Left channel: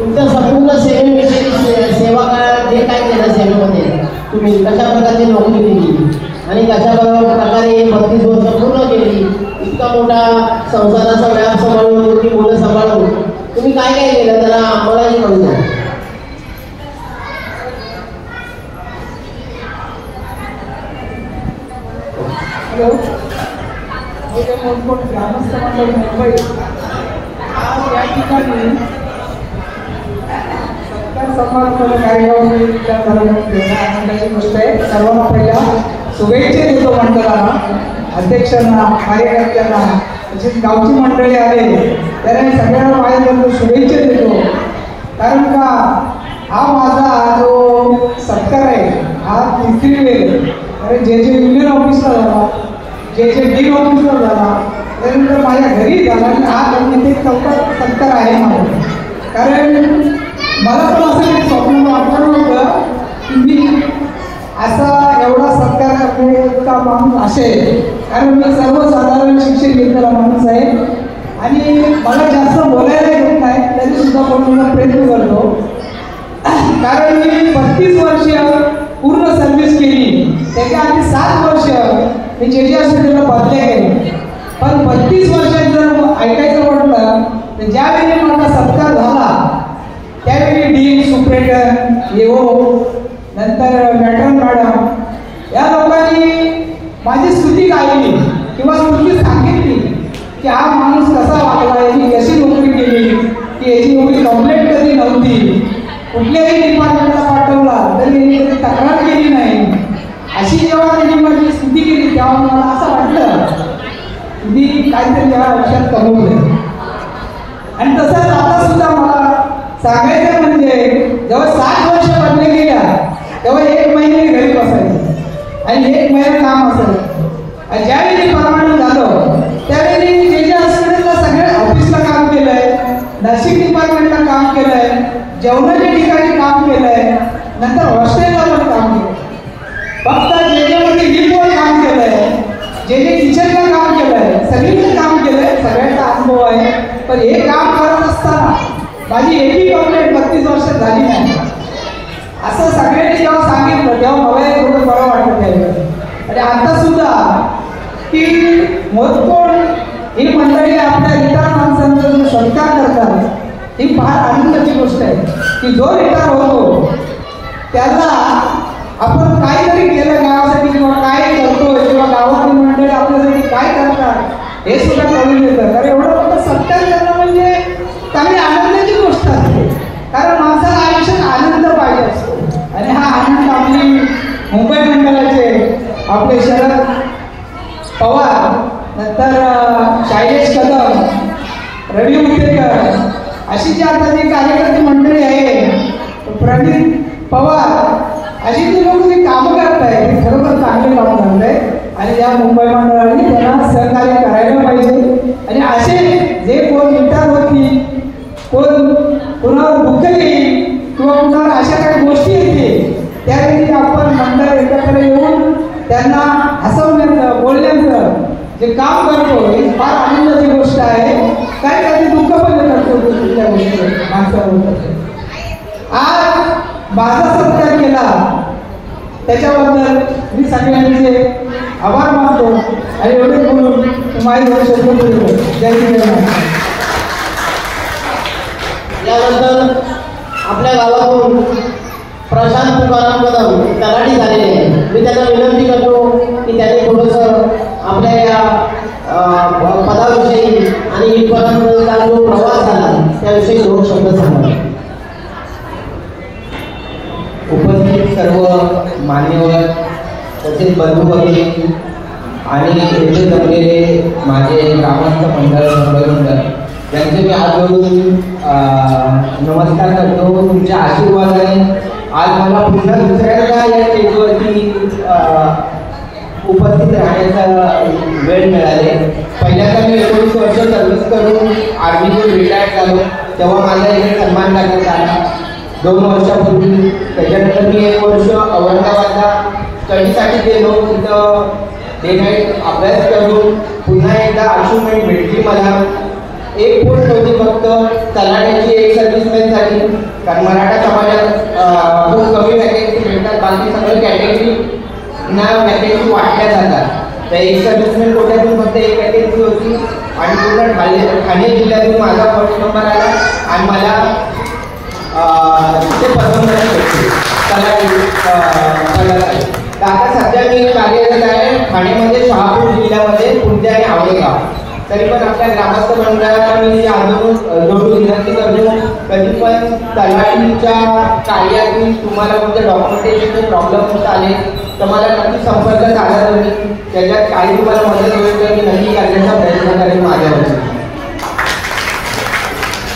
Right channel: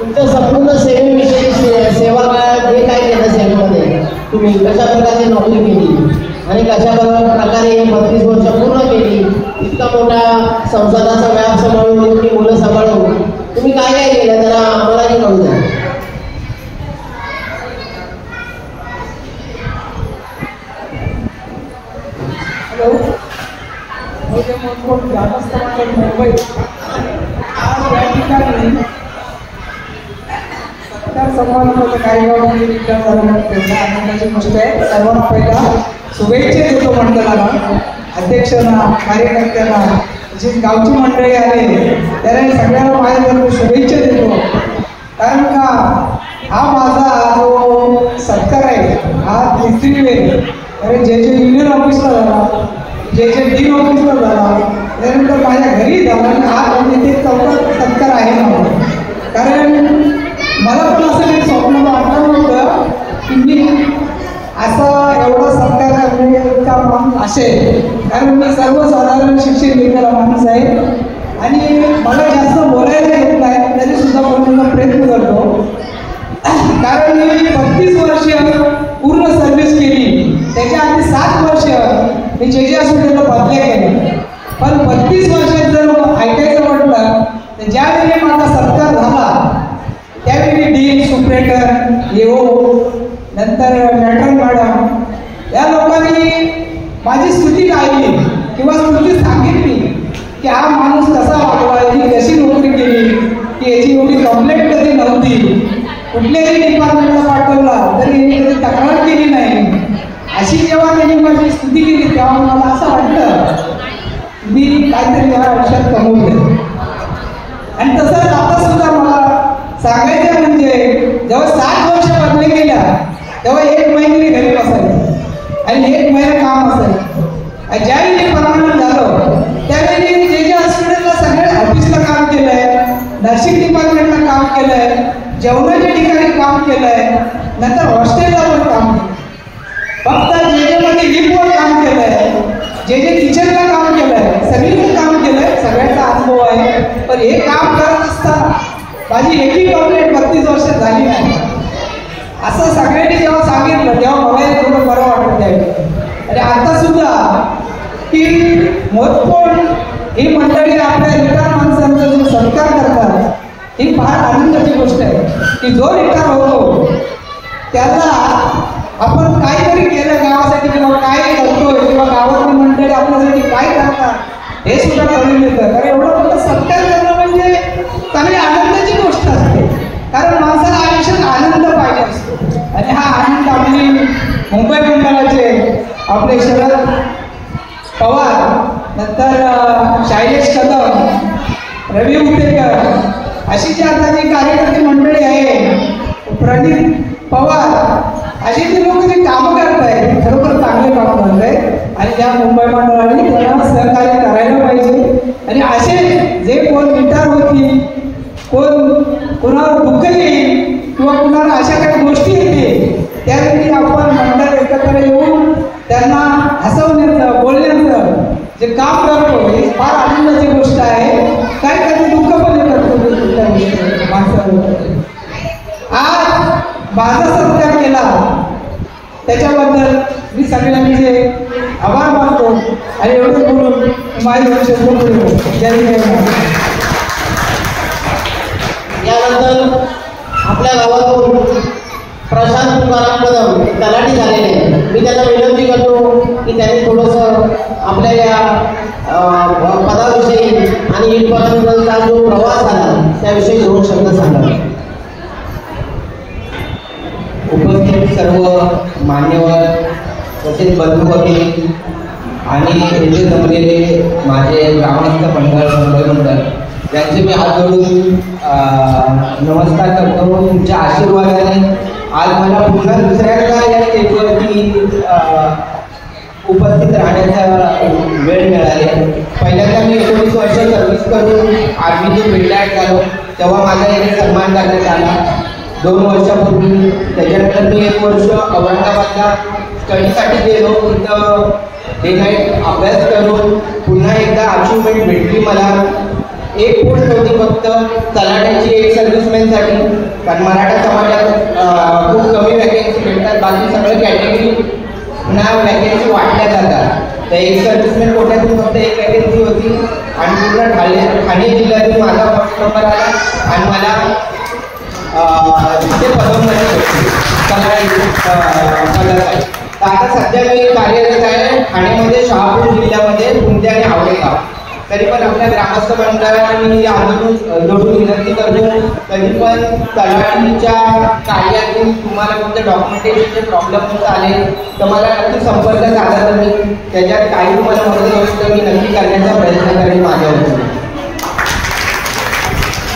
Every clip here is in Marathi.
तुमच्या संपूर्ण सेवेविषयी सेवा काळात जे काय केलं सेवेमध्ये तुम्ही कशा प्रकारे नोकरी केली आणि कशा प्रकारे 32 वर्ष पूर्ण केली, इतका मोठा संसाराचा व्याप सांभाळून एवढी मुलं सांभाळून तुम्ही काय काय केलं त्याला आम्हालाही कळू द्या. सर्वांना पहिला शुभेच्छा देतो मंडळाला, अध्यक्षांना, कार्यकर्त्यांना, जी गावची मंडळी आले त्याला सगळ्यांना काय शुभेच्छा देतो. कारण का हा माझा जो सत्कार आहे हा तिसरी वेळ, कारण जे युनियन ऑफिसला झाला, जे डीन ऑफिसला झाला, त्यानंतर माझ्या घरी झाला आणि हा इथे सत्कार आहे मला. कारण मला पण असं एक स्वप्न वाटलं होतं की मी असा एवढा सत्कार माणूस असेल, कारण मी सर्वसाधारण शिक्षण घेतलेला माणूस आहे आणि मला जास्त बोलायला येत नाही तरी सुद्धा बोलण्याचा प्रयत्न करतो. कारण मी 32 वर्ष पूर्ण सर्व्हिस केली, त्याच्या आधी 7 वर्ष मी जे हॉस्पिटलला बदल्या केले. पण 32 वर्षात जर ऐकायचं म्हटलं तर ज्यावेळी माझा सत्कार झाला त्यावेळी डीन, सुप्रेंटन, येओ, नंतर मॅडम या लोकांनी माझी स्तुती गायली किंवा स्तुती सांगितली की हा माणूस कसा वागला, याची कशी नोकरी केली, की याची एवढी कंप्लेंट कधी नव्हती, कुठल्याही डिपार्टमेंटला पाठवला तरी यांनी कधी तक्रार केली नाही. अशी जेव्हा त्यांनी माझी स्तुती केली तेव्हा मला असं वाटलं मी काहीतरी या आयुष्यात कमवलं. आणि तसंच आता सुद्धा मला सांगायचं म्हणजे जेव्हा 7 वर्ष बदले गेल्या तेव्हा 1 महिने घरी बसायचं आणि 1 महिना काम असायचं. आणि ज्यावेळी परमानंट झालं त्यावेळी जे हॉस्पिटलला सगळ्या ऑफिसला काम केलंय, नर्सिंग डिपार्टमेंटला काम केलंय, जेवणाच्या ठिकाणी काम केलंय, नंतर हॉस्टेलला पण काम केलं, फक्त जे लिफ्टवर काम केलंय, जे किचनला काम केलंय, सगळीकडे काम केलंय, सगळ्यांचा अनुभव आहे. पण हे काम करत असताना माझी एकही कंप्लेंट 32 वर्ष झाली नाही. असं सगळ्यांनी जेव्हा सांगितलं तेव्हा मला बरोबर बरं वाटत आहे. आणि आता सुद्धा की मोजकोण ही मंडळी आपल्या रिटायर माणसांचा जो सत्कार करतात ही फार आनंदाची गोष्ट आहे की जो रिटायर होतो त्याला आपण काहीतरी केलं गावासाठी किंवा काय करतोय किंवा गावातली मंडळी आपल्यासाठी काय करतात हे सुद्धा कळून येतं. कारण एवढं फक्त सत्कार करणं म्हणजे चांगली आनंदाची गोष्ट असते. कारण माणसाला आयुष्यात आनंद पाहिजे असतो आणि हा आनंद आपली मुंबई मंडळाचे आपले शरद पवार, नंतर शैलेश कदम, रवी उतेकर अशी जी आता जी कार्यकर्ते मंडळी आहे, प्रदीप पवार अशी जी लोक जे कामं करत आहेत ते खरोखर चांगले काम करत आहेत आणि या मुंबई मंडळाने त्यांना सहकार्य करायला पाहिजे. आणि असे जे कोण रिटायर होतील, कोण कुणावर दुःख येईल किंवा कुणाला अशा काही गोष्टी येतील त्यावेळी आपण मंडळ एकत्र येऊन त्यांना हसवण्याचं, बोलण्याचं जे काम करतो ही फार आनंदाची गोष्ट आहे. काय कधी दुःख पण येतं माणसाला. आज माझा सत्कार केला त्याच्याबद्दल मी सगळ्यांचे आभार मानतो आणि एवढं बोलून माझी लक्ष बोलतो. यानंतर आपल्या गावातून प्रशांत तुकाराम कदम तलाठी झालेले आहे. मी त्यांना विनंती करतो की त्यांनी थोडंसं आपल्या या पदाविषयी आणि इथपर्यंतचा जो प्रवास झाला त्याविषयी 2 शब्द सांगा. उपस्थित सर्व मान्यवर तसेच बंधू भगिनी आणि येथे जमलेले माझे ग्रामस्थ मंडळ त्यांचे मी हात जोडून नमस्कार करतो. तुमच्या आशीर्वादाने आज मला पुन्हा दुसऱ्यांदा या स्टेजवरती उपस्थित राहण्याचा वेळ मिळाले. पहिल्यांदा मी 19 वर्ष सर्व्हिस करून आर्मीतून रिटायर झालो तेव्हा माझा एक सन्मान करण्यात आला 2 वर्षापूर्वी. त्याच्यानंतर मी 1 वर्ष औरंगाबादला स्टडीसाठी गेलो. तिथं डे नाईट अभ्यास करून पुन्हा एकदा अचिव्हमेंट भेटली मला. एक पोस्ट होती फक्त तलाठ्याची एक सर्व्हिसमॅनसाठी, कारण मराठा समाजात खूप कमी वॅकन्सी भेटतात, बाकी सगळं कॅटेगरी ना वॅकन्सी वाटल्या जातात. तर एक सर्व्हिसमॅन कोट्यातून फक्त एक वॅकन्सी होती आणि पूर्ण ठाणे जिल्ह्यातून माझा फर्स्ट नंबर आला आणि मला तिथे पदोन्नती भेटली. आता सध्या मी कार्यरत आहे ठाण्यामध्ये, शहापूर जिल्ह्यामध्ये पुंजे आणि आवडेगाव. तरी पण आपल्या ग्रामस्थ मंडळाला मी अजून जोडून विनंती करतो, कधी पण तलाठीच्या कार्यातून तुम्हाला कोणत्या डॉक्युमेंटेशनचे प्रॉब्लेम होत आले तर मला नक्की संपर्क साधा. तुम्ही त्याच्यात काही तुम्हाला मदत होईल तर मी नक्की करण्याचा प्रयत्न करेन माझ्यावर.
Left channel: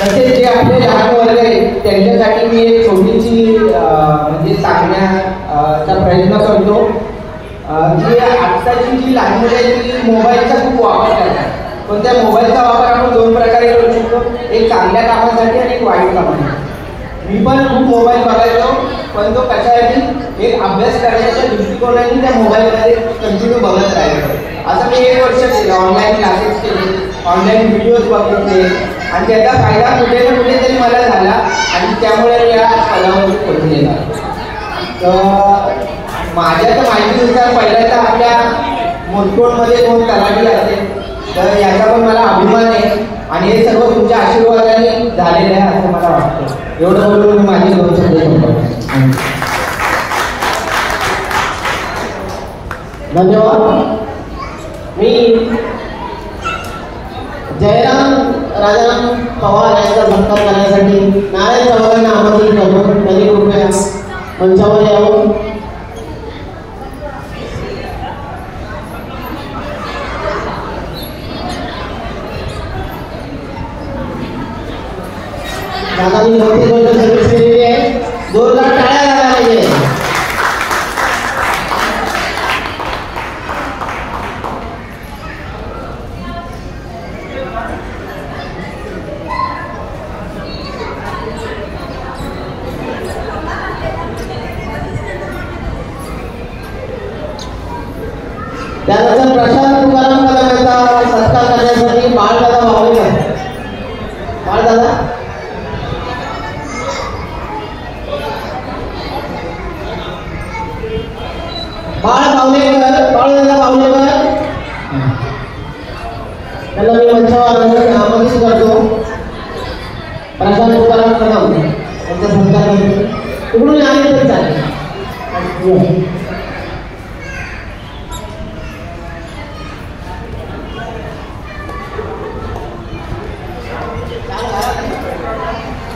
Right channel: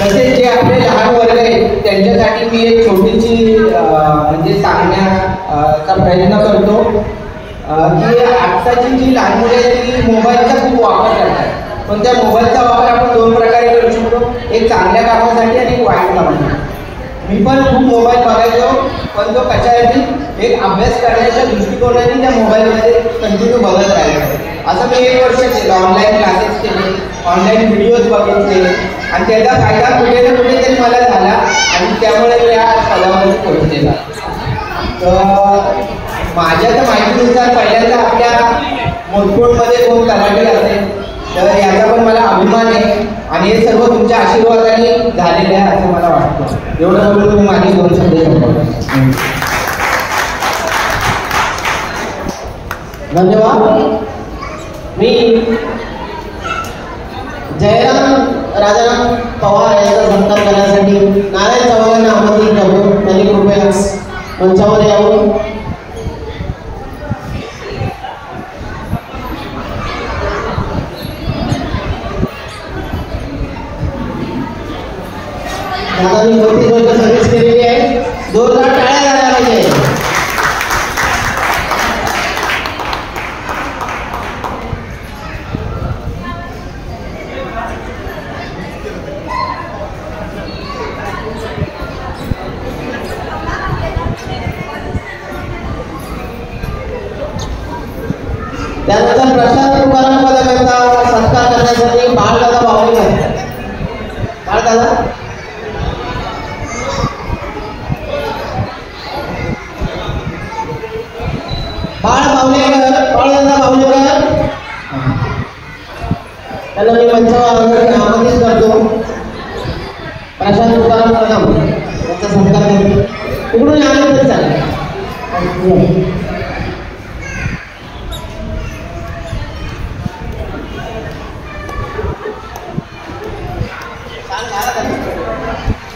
तसेच जे आपले लहान वर्ग आहेत त्यांच्यासाठी मी एक छोटीशी म्हणजे सांगण्याचा प्रयत्न करतो की आजची जी लहान मुले आहेत ती मोबाईलचा खूप वापर करतात. पण त्या मोबाईलचा वापर आपण दोन प्रकारे करू शकतो, एक चांगल्या कामासाठी आणि एक वाईट कामासाठी. मी पण खूप मोबाईल बघायचो, पण तो कशासाठी एक अभ्यास करण्याच्या दृष्टिकोनाने त्या मोबाईलमध्ये कंटिन्यू बघत राहिलो. असं मी 1 वर्ष केलं, ऑनलाईन क्लासेस केले, ऑनलाईन व्हिडिओज बघितले आणि त्याचा फायदा कुठे ना कुठेतरी मला झाला आणि त्यामुळे मी या पदावर पोहोचलेला. तर माझ्या तर माहितीनुसार पहिल्यांदा आपल्या मोजकोटमध्ये 2 तलाठी असते, तर याचा पण मला अभिमान आहे आणि हे सर्व तुमच्या आशीर्वादाने झालेलं आहे असं मला वाटतं. एवढं बोलून मी माझी 2 शब्द धन्यवाद. मी जयराम राजाराम पवार यांचा सत्कार करण्यासाठी नारायण चव्हाणांना आमंत्रित करतो. त्यांनी कृपया मंचावर यावं. दादांनी मोठी गोष्ट सर्व्हिस केलेली आहे, 2 लाख टाळ्या झाल्या पाहिजे. त्यानंतर प्रशांत तुकाराम कदम यांचा सत्कार करण्यासाठी बाळदादा बावलेकर. बाळदादा बाळदादा बावलेकर त्यांना मी मंचावर आमंत्रित करतो. प्रशांत तुकाराम कदम यांचा सत्कार करतो. तिकडून आले तरी चालेल.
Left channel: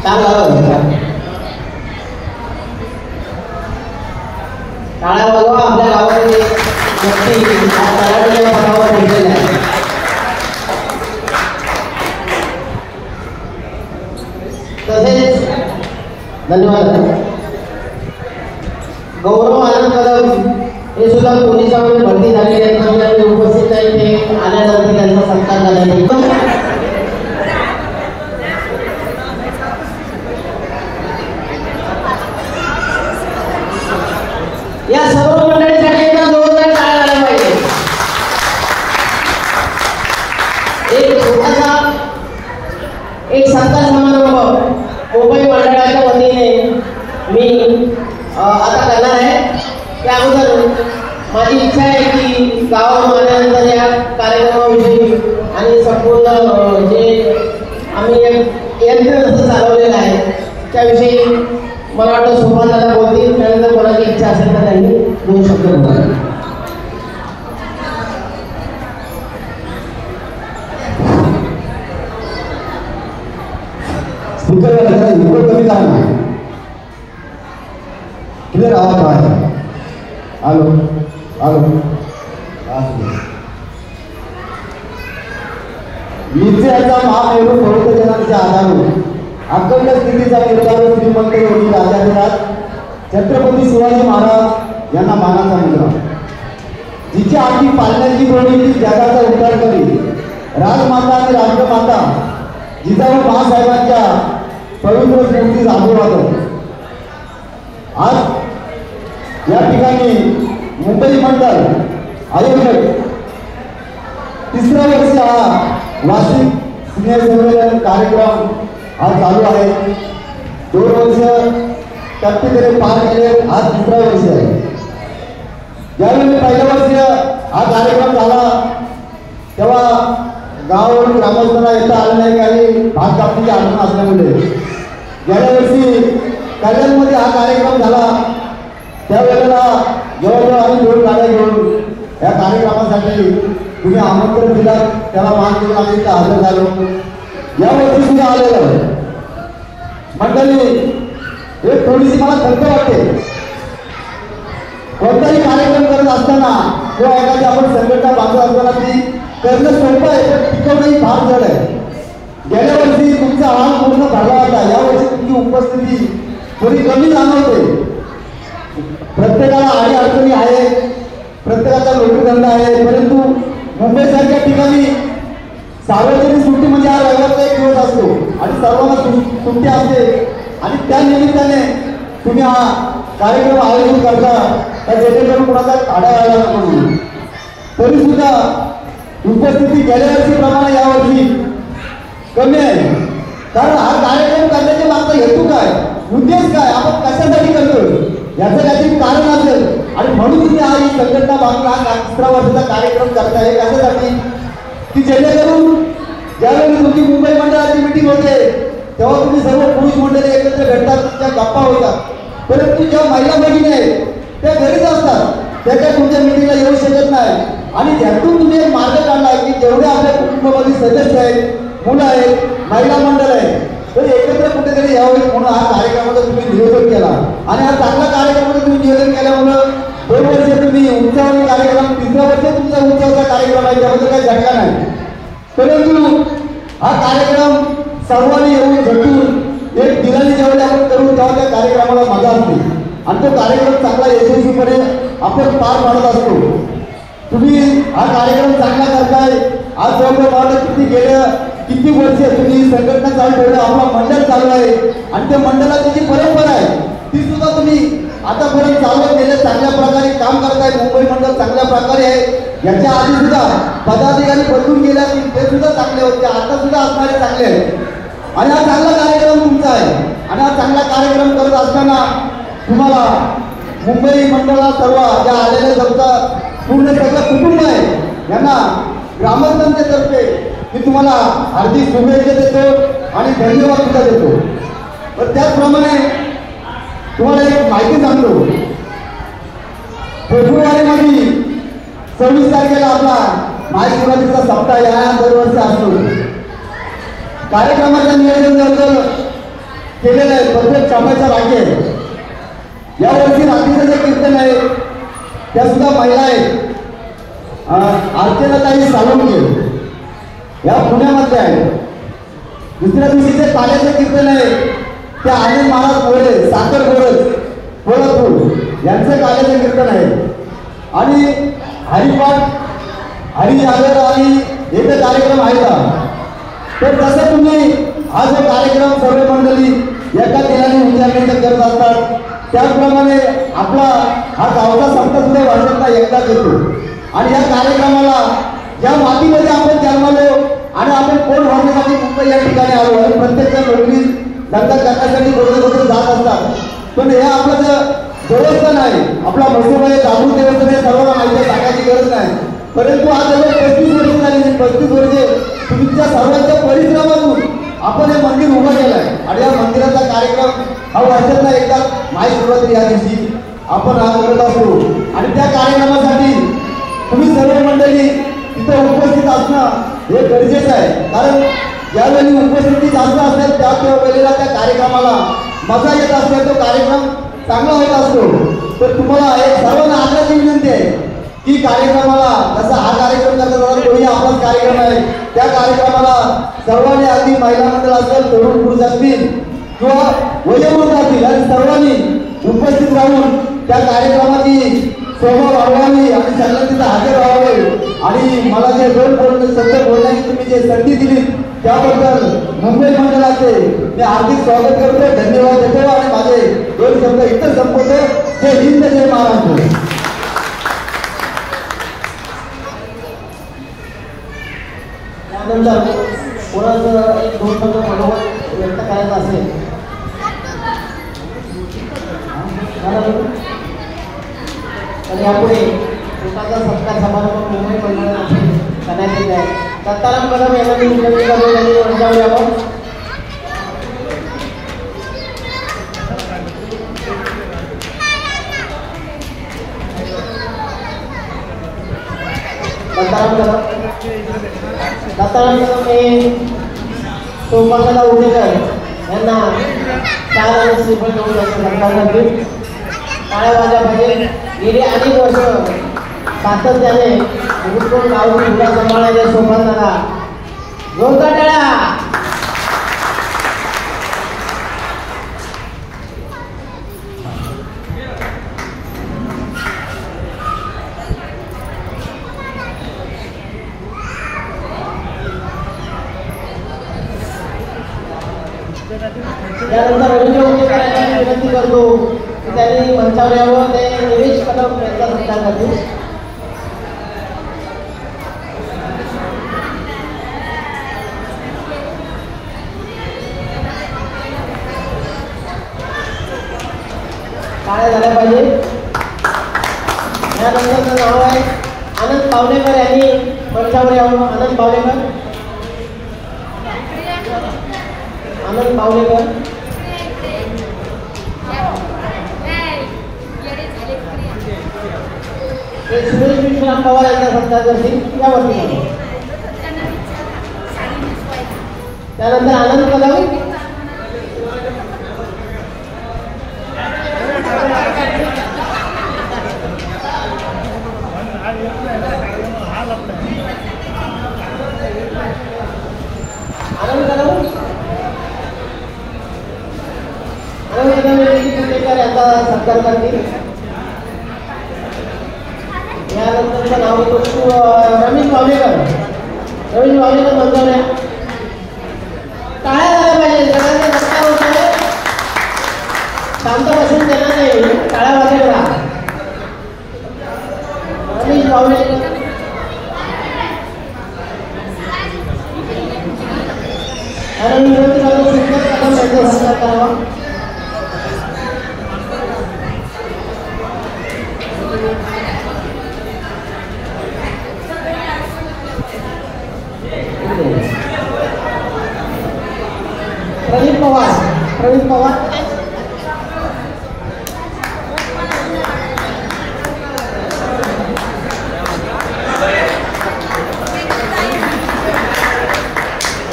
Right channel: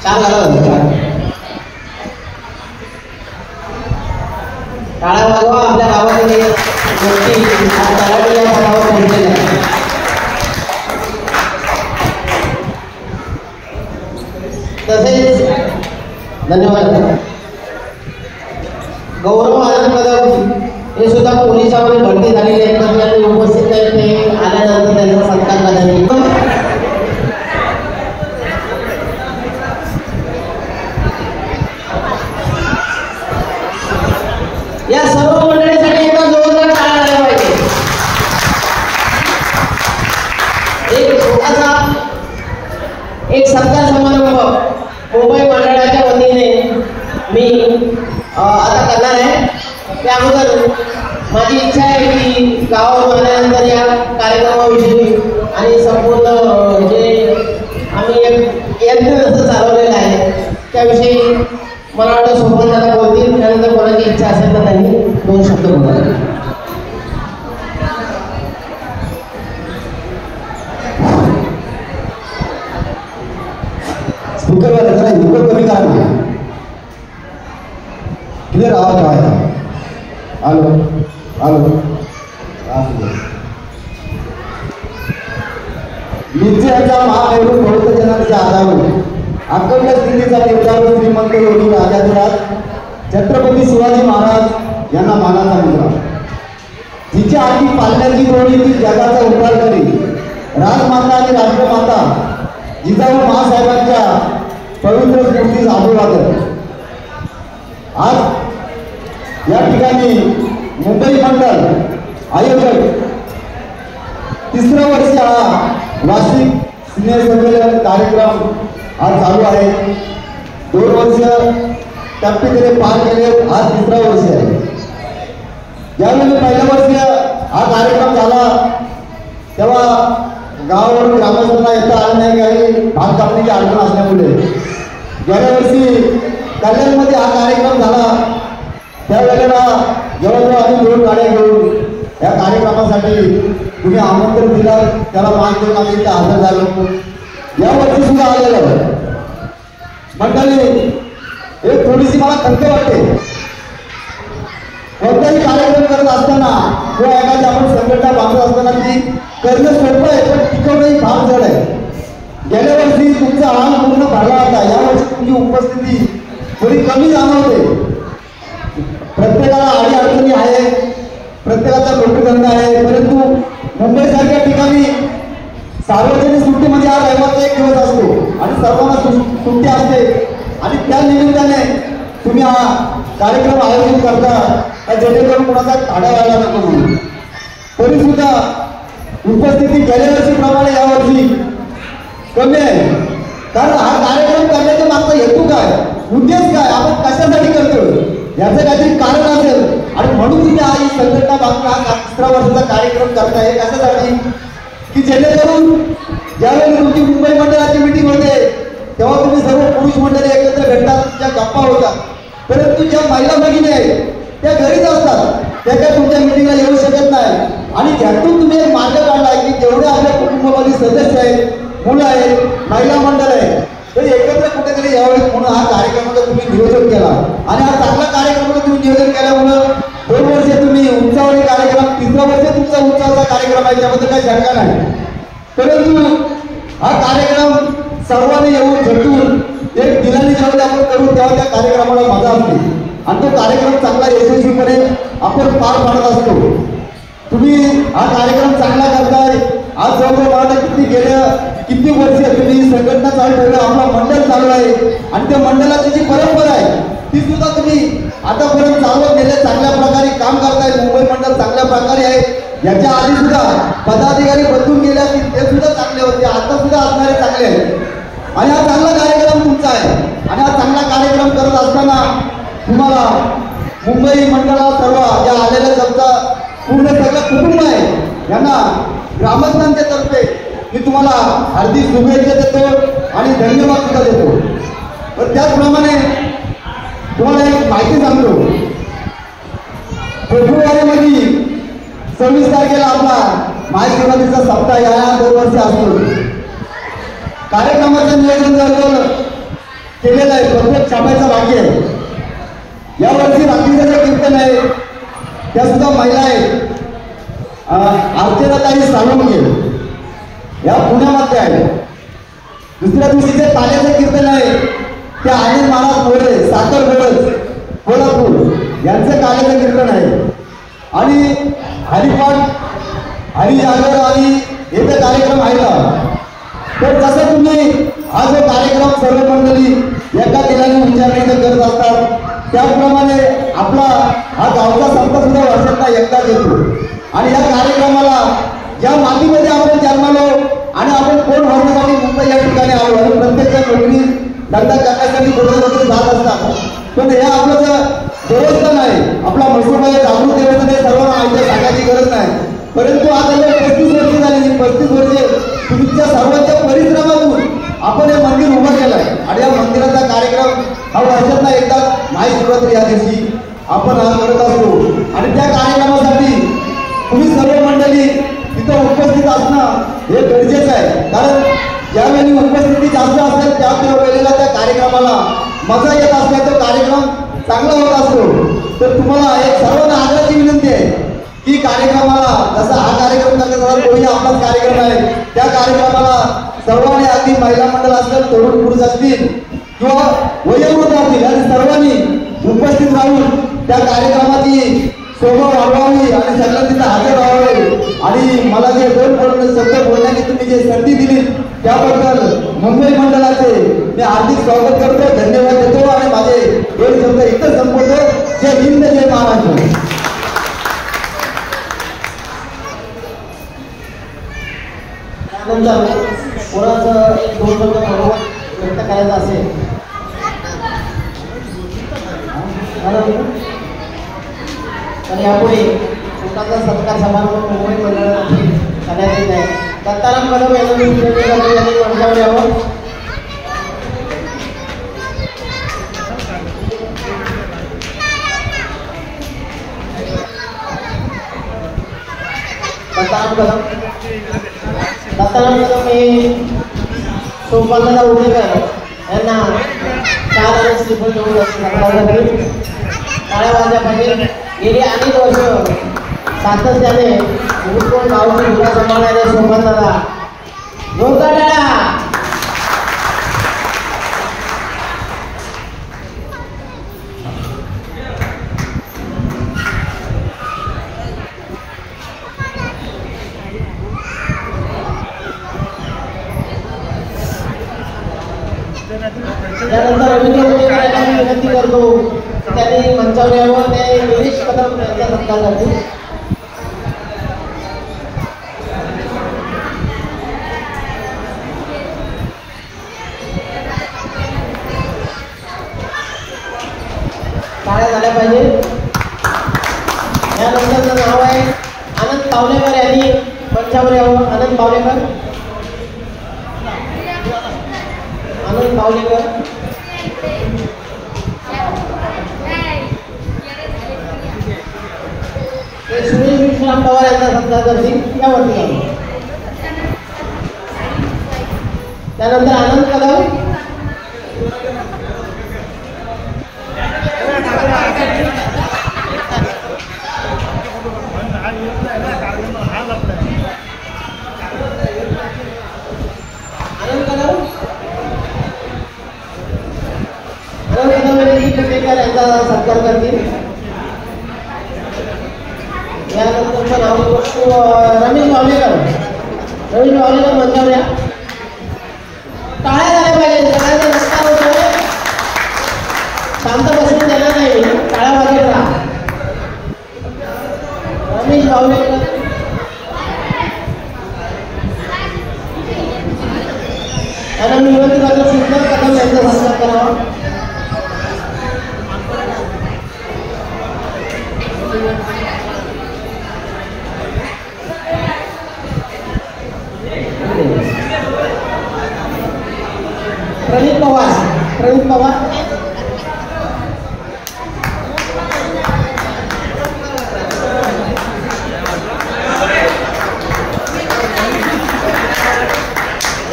टाळा वाजवा. आपल्या गावामध्ये तसेच धन्यवाद. गौरव आनंद कदम हे सुद्धा पोलिसांमध्ये भरती झालेले आहेत, आपल्याला उपस्थित आहेत. ते आल्यानंतर त्यांचा सत्कार करण्यात या सर्व मंडळीसाठी एकदा जोरदार टाळ्या झाल्या पाहिजे. एक छोटासा सत्कार समारंभ मुंबई मंडळाच्या वतीने मी आता करणार आहे. त्या अगोदर माझी इच्छा आहे की गावात आल्यानंतर या कार्यक्रमाविषयी आणि संपूर्ण जे आम्ही यंत्र जसं चालवलेलं आहे त्याविषयी मला वाटतं सोपानदादा बोलतील. त्यानंतर कोणाची इच्छा असेल तर त्यांनी 2 शब्द बोलावे. स्पीकरवर इकडं कमी करा. क्लिअर आवाज आहे. Hello hello. निश्चयाचा महामेरू प्रवर्तनाचे आधार अखंड स्थितीचा निर्धार श्रीमंत योगी राजाधिराज छत्रपती शिवाजी महाराज यांना मानाचा मुलगा, जिच्या आधी पालण्याची जोडी ती जगाचा उद्धार करी, राजमाता आणि राष्ट्रमाता जिजाऊ महासाहेबांच्या पवित्र स्मृतीस अभिवादन. आज या ठिकाणी मुंबई मंडळ आयोजक 3रा वर्ष हा वार्षिक स्नेह संमेलन कार्यक्रम आज चालू आहे. 2 वर्ष टप्प्याकडे पार केले, आज 3रा वर्ष आहे. ज्यावेळी पहिल्या वर्षी हा कार्यक्रम झाला तेव्हा गावावरून ग्रामस्थांना येता आलं नाही आणि भात कापणीची अडचण असल्यामुळे गेल्या वर्षी कल्याणमध्ये हा कार्यक्रम झाला. त्यावेळेला जवळजवळ आम्ही 2 गाड्या घेऊन या कार्यक्रमासाठी तुम्ही आमंत्रण दिलं, त्याला मान देऊन आम्ही इथे हजर झालो. या वर्षी सुद्धा आलेलो मंडळी. एक थोडीशी मला खंत वाटते, कोणताही कार्यक्रम करत असताना किंवा एखादी आपण संघटना बांधत असताना ती करणं सोपं आहे पण टिकवणंही फार जड आहे. गेल्या वर्षी तुमचा आराम पूर्ण भरला होता, यावर्षी तुमची उपस्थिती थोडी कमी जाणवते. प्रत्येकाला अडीअडचणी आहे, प्रत्येकाचा नोकरीधंदा आहे, परंतु मुंबईसारख्या ठिकाणी सार्वजनिक सुट्टी म्हणजे हा रविवारचा एक दिवस असतो आणि सर्वांना सुट्टी असते आणि त्या निमित्ताने तुम्ही हा कार्यक्रम आयोजित करता जेणेकरून कोणाचा खाडा आला नको म्हणून. तरी सुद्धा उपस्थिती गेल्या वर्षीप्रमाणे यावर्षी कमी आहे. कारण हा कार्यक्रम करण्याच्या मागचा हेतू काय, उद्देश काय, आपण कशासाठी करतो याचं काहीतरी कारण असेल आणि म्हणून तुम्ही हा ही संघटना बांधून हा 3रा वर्षाचा कार्यक्रम करताय. कशासाठी की जेणेकरून ज्यावेळी तुमची मुंबई मंडळाची मीटिंग होते तेव्हा तुम्ही सर्व पुरुष मंडळी एकत्र भेटतात, त्या गप्पा होतात. परंतु ज्या महिला भगिनी आहेत त्या घरीच असतात, त्या काय तुमच्या मीटिंगला येऊ शकत नाही. आणि ज्यातून तुम्ही एक मार्ग काढला की जेवढे आपल्या कुटुंबामध्ये सदस्य आहेत, मुलं आहेत, महिला मंडळ आहे, तरी एकत्र कुठेतरी यावेळी म्हणून हा कार्यक्रमाचं तुम्ही नियोजन केला आणि हा चांगला कार्यक्रमाचं तुम्ही नियोजन केल्यामुळं 2 वर्ष तुम्ही उंचावणी कार्यक्रम, 3रं वर्ष तुमचा उंचावचा कार्यक्रम आहे, त्यामध्ये काही शंका नाही. परंतु हा कार्यक्रम सर्वांनी येऊन झटून एक दिलाने जेव्हा आपण करू तेव्हा त्या कार्यक्रमाला मजा असते आणि तो कार्यक्रम चांगला यशस्वीपणे आपण पार पाडत असतो. तुम्ही हा कार्यक्रम चांगला करताय. आज जवळजवळ किती वर्ष तुम्ही संघटना चालू ठेवलं, आपलं मंडळ चालू आहे आणि त्या मंडळाची जी परंपरा आहे ती सुद्धा तुम्ही आतापर्यंत चालवत नेल्या, चांगल्या प्रकारे काम करताय. मुंबई मंडळ चांगल्या प्रकारे आहे. याच्या आधी सुद्धा पदाधिकारी बदलून गेल्या ते सुद्धा चांगले होते, आता सुद्धा असणारे चांगले आहेत आणि हा चांगला कार्यक्रम तुमचा आहे. आणि हा चांगला कार्यक्रम करत असताना तुम्हाला मुंबई मंडळाला सर्व ज्या आलेल्या जनता पूर्ण सगळं कुटुंब आहे यांना ग्रामस्थांच्या तर्फे मी तुम्हाला हार्दिक शुभेच्छा देतो आणि धन्यवाद सुद्धा देतो. तर त्याचप्रमाणे तुम्हाला एक माहिती सांगतो. फेब्रुवारीमध्ये 26 तारखेला आपला महाशिवरात्रीचा सप्ताह या 2 वर्ष असतो. कार्यक्रमाचं नियोजन जवळजवळ केलेलं आहे, प्रत्येक छापायचं बाकी आहे. यावर्षी रात्रीचं जे कीर्तन आहे त्या सुद्धा महिला आहेत. अर्चनाताई साळुंखे या पुण्यामध्ये आहे. दुसऱ्या दिवशी जे ताल्याचं कीर्तन आहे ते आनंद महाराज मोरे साखर कोल्हापूर यांचं काल्याचं कीर्तन आहे. आणि हरिपाठ हरिजागर आणि याचा कार्यक्रम आहे का. तर जसं तुम्ही हा जो कार्यक्रम सर्व मंडळी एका दिलाने विचारण्याचं करत असतात त्याप्रमाणे आपला हा गावचा संत सुद्धा वर्षातला एकदा येतो. आणि या कार्यक्रमाला ज्या मातीमध्ये आपण जन्मलो आणि आपण कोण होण्यासाठी मुंबई या ठिकाणी आलो आणि प्रत्येक नोकरी धंदा करण्यासाठी कुठे जात असतात. पण हे आपलं देवस्थान आहे, आपला मसूर आहे, जागृत देवस्थान आहे, सर्वांना माहिती सांगायची गरज नाही. परंतु आता 35 वर्ष झाली, 35 वर्षे तुमच्या सर्वांच्या परिश्रमातून आपण हे मंदिर उभं केलं आहे आणि या मंदिराचा कार्यक्रम हा वर्षातला एकदा महाशिवरात्री या दिवशी आपण हा करत असतो. आणि त्या कार्यक्रमासाठी तुम्ही सर्व मंडळी तिथे उपस्थित असणं हे गरजेचं आहे. कारण ज्यावेळी उपस्थिती जास्त असेल त्या वेळेला त्या कार्यक्रमाला मजा येत असते, तो कार्यक्रम चांगला होत असतो. तर तुम्हाला एक सर्वांना आग्रहाची विनंती आहे की कार्यक्रमाला जसा हा कार्यक्रम करतात तोही आपलाच कार्यक्रम आहे, त्या कार्यक्रमाला सर्वांनी अगदी महिला मंडळ असेल, तरुण पुरुष असतील किंवा वयोवृद्ध असतील आणि सर्वांनी उपस्थित राहून त्या कार्यक्रमाची शोभा वाढवावी आणि सगळ्यांना तिथे हजर व्हावे. आणि मला जे 2 शब्द बोलण्याची तुम्ही जे संधी दिली त्याबद्दल मुंबई मंडळाचे मी हार्दिक स्वागत करतो, धन्यवाद देतो आणि माझे 2 शब्द इथं संपवतो. जय हिंद, जय महाराष्ट्र. त्यानंतर कोणाचं तुमचं मनोगत व्यक्त करायचं असेल आणि यापुढे लोकांचा सत्कार समारंभ मुंबई परिसरात करण्यात येत आहे. दत्ताराम कदम यांनी यावं. दत्ताराम कदम हे सोमवारला उडेकर यांना 4 आणि श्रीफळ देऊन काळ्या वाजा पाहिजे. गेली अनेक वर्ष सातत्याने गुरुकुल माऊली विभाग सांभाळणाऱ्या सोमवारला जोरदार टाळ्या. त्यानंतर विनंती करतो की त्यांनी मंचावर यावं. ते गिरीश कदम यांचा सत्कार करतील. काय झाल्या पाहिजे. यानंतर नाव आहे आनंद पावलेकर यांनी मंचावर यावं. आनंद पावलेकर. आनंद पावलेकर. सुरेश विश्राम पवार यांचा सत्कार करतील. यावरती त्यानंतर आनंद कदम. यांचा सत्कार करतील. यानंतर नाव रमेश पावलेकर. रमेश पावलेकर मंचावर काळ्या झाल्या पाहिजे. सगळ्यांचा रस्ता होतोय. शांत बसून देणार नाही. काळ्या वाजेला रमेश पावलेकर. आणि मी विनंती करतो सुंदर कदम यांचा सत्कार करावा. प्रदीप पवार. प्रदीप पवार.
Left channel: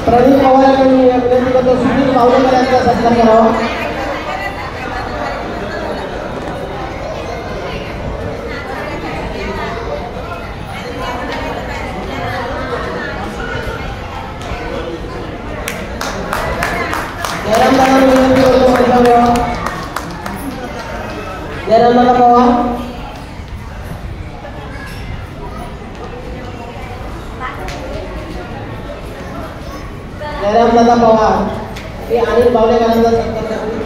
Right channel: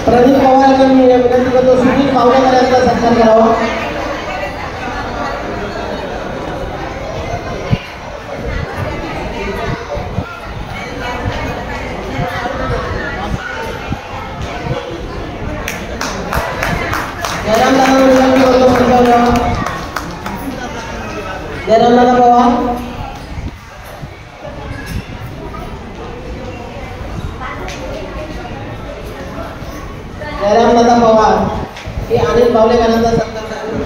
प्रदीप पवार यांनी विनंती करतो सुधीर पावलेकर यांचा सत्कार करावा. जयरामदादा पवार. जयरामदादा पवार हे अनिल पावलेकरांचा सत्कार करतील.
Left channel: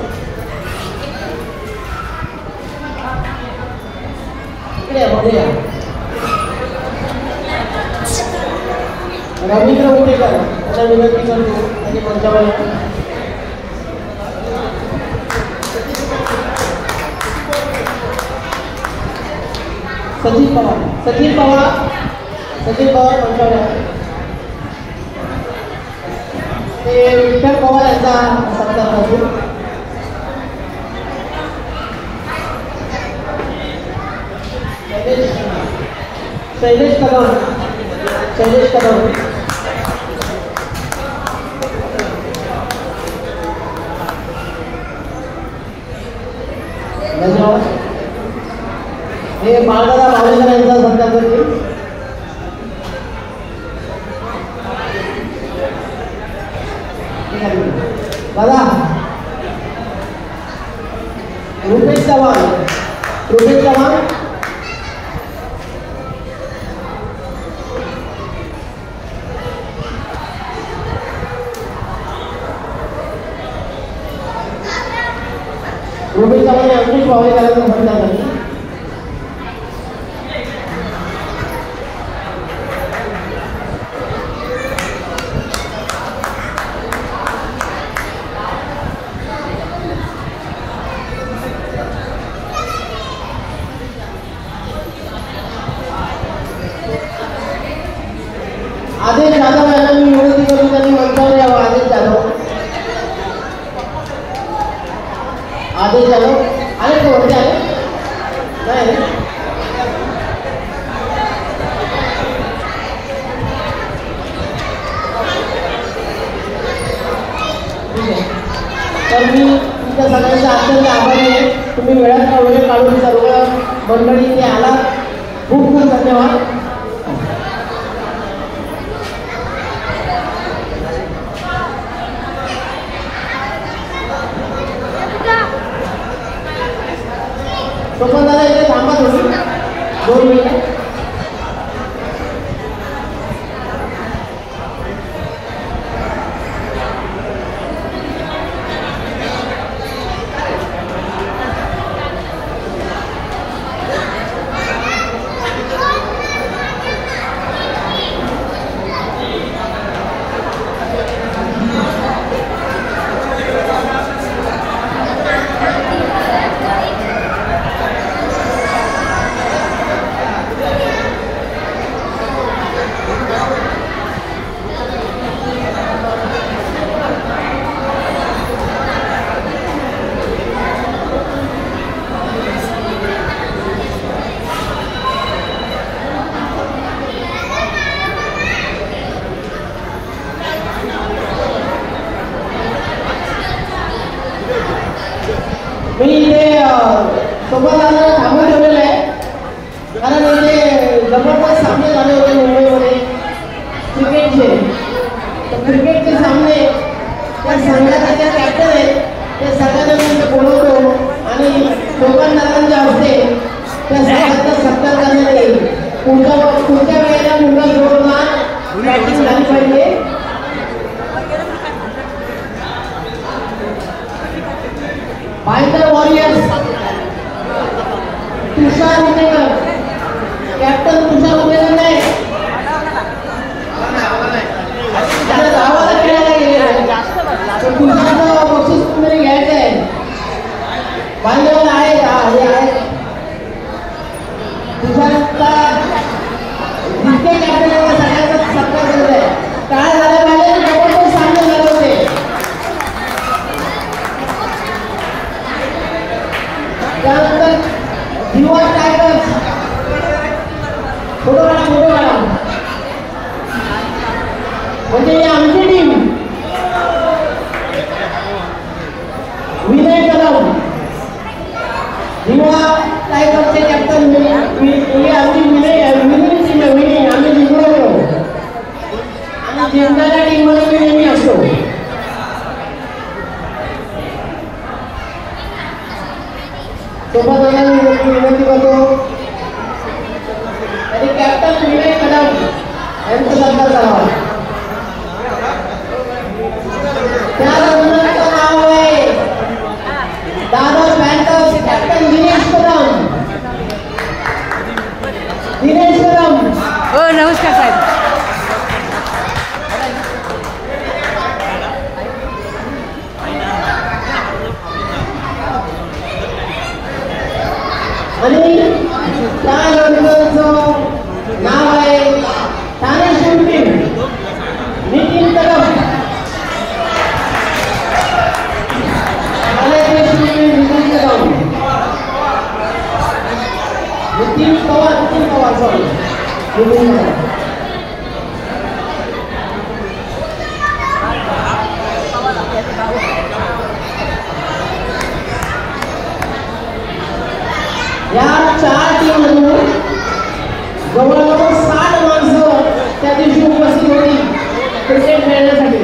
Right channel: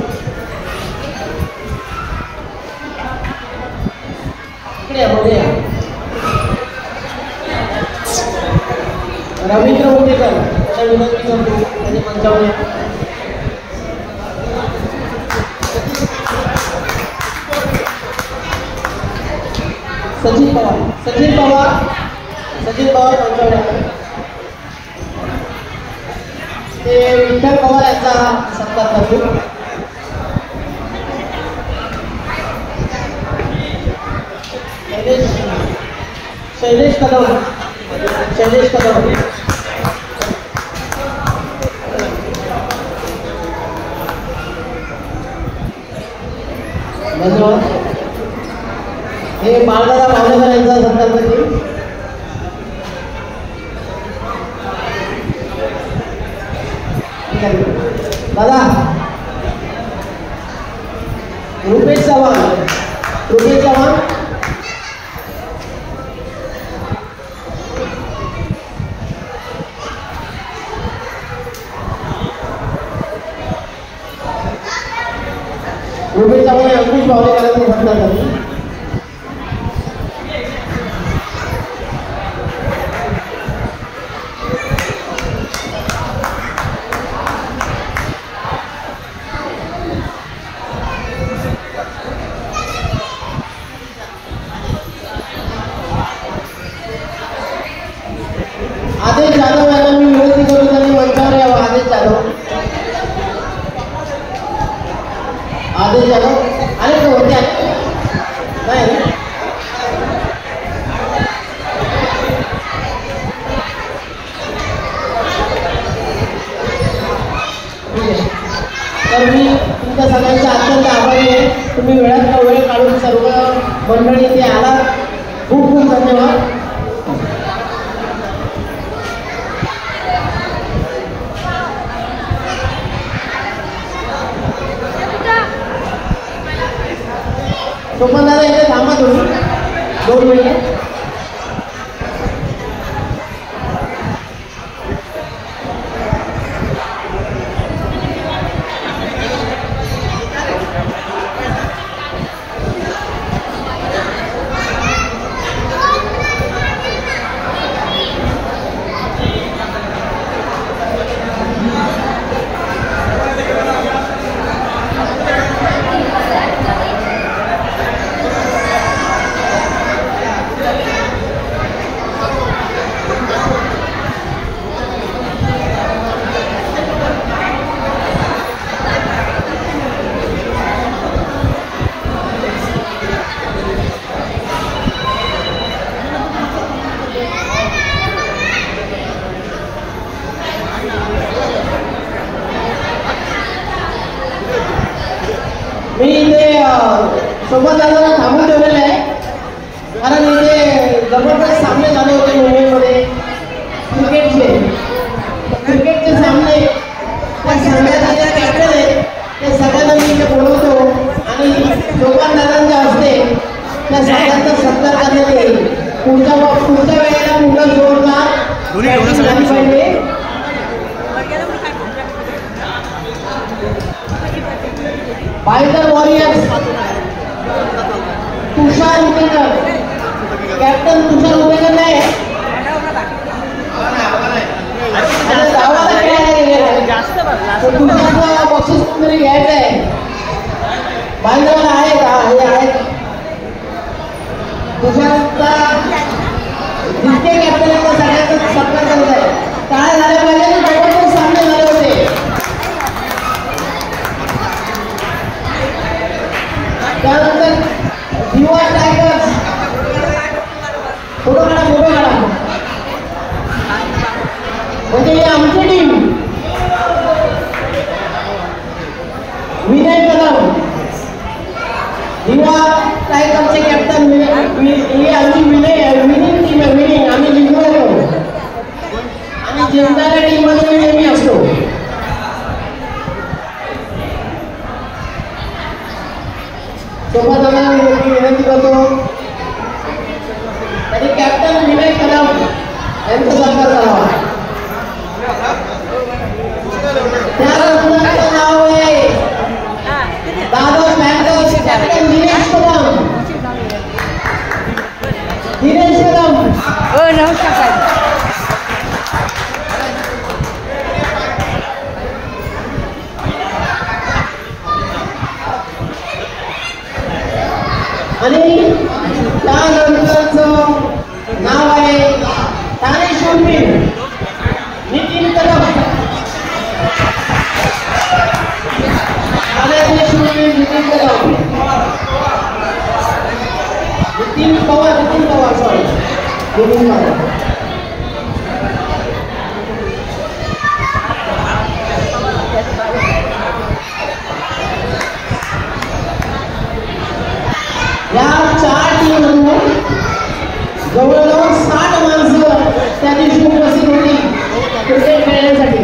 रवींद्र उडेकर यांना विनंती करतो त्यांनी मंचावर. सचिन पवार. सचिन पवार. सचिन पवार मंचावर. ते विठ्ठल पवार यांचा सत्कार करतील. शैलेश कदम. शैलेश कदम. धन्यवाद. हे बाळदादा पावलेकर यांचा सत्कार करतील. दादा रुपेश चव्हाण. रुपेश चव्हाण. रुपेश चव्हाण यांनी पावलेकरांचा सत्कार करतील. आणि मी तुमच्या सगळ्यांचा अत्यंत आभारी आहे. तुम्ही वेळात वेळ काढून सर्व मंडळी इथे आला, खूप खूप धन्यवाद. सोबत दादा इथे थांबा थोडी 2 मिनिट. मी इथे सोबत थांबून ठेवलेलं आहे, कारण इथे जबरदस्त सामने झाले होते मुंबईमध्ये क्रिकेटचे सामने. त्या सामन्याचे जे कॅप्टन आहे त्या सगळ्यांना मी इथे बोलवतो आणि सोबतदारांच्या हस्ते त्या सगळ्यांचा सत्कार करण्यात येईल. पुढच्या वेळेला मुलं जोरदार झाली पाहिजे. By the Warriors, Tushar Udekar, captain Tushar Udekar नाही. तुषारला बक्षीस तुम्ही घ्यायचं आहे. बांधवाला आहे तुषारला जितके कॅप्टन आहे सगळ्यांचा सत्कार करत आहे. काय झालं पाहिजे बरोबर सामने झाले होते. त्यानंतर युवा टायगर्स पुढे काढा म्हणजे ही आमची टीम. विनय कदम युवा टायगर्सचे कॅप्टन. ही आमची विनिंग टीम आहे. विनिंग आम्ही जिंकलो आणि जिंकणाऱ्या टीममध्ये मी नेहमी असतो. सोबत विनंती करतो आणि कॅप्टन विनय कदम यांचा सत्कार करावा. त्यानंतर नाव आहे दादा बँकर्स कॅप्टन दिनेश कदम. हो नमस्कार साहेब. आणि त्या योजनांचं नाव आहे ठाणे शिवपीर नितीन कदम. ठाण्याचे शिवपीर नितीन कदम. नितीन पवार सॉरी नितीन पवार. या 4 टीममधून जवळजवळ 60 माणसं त्या दिवशी उपस्थित होती क्रिकेट खेळण्यासाठी.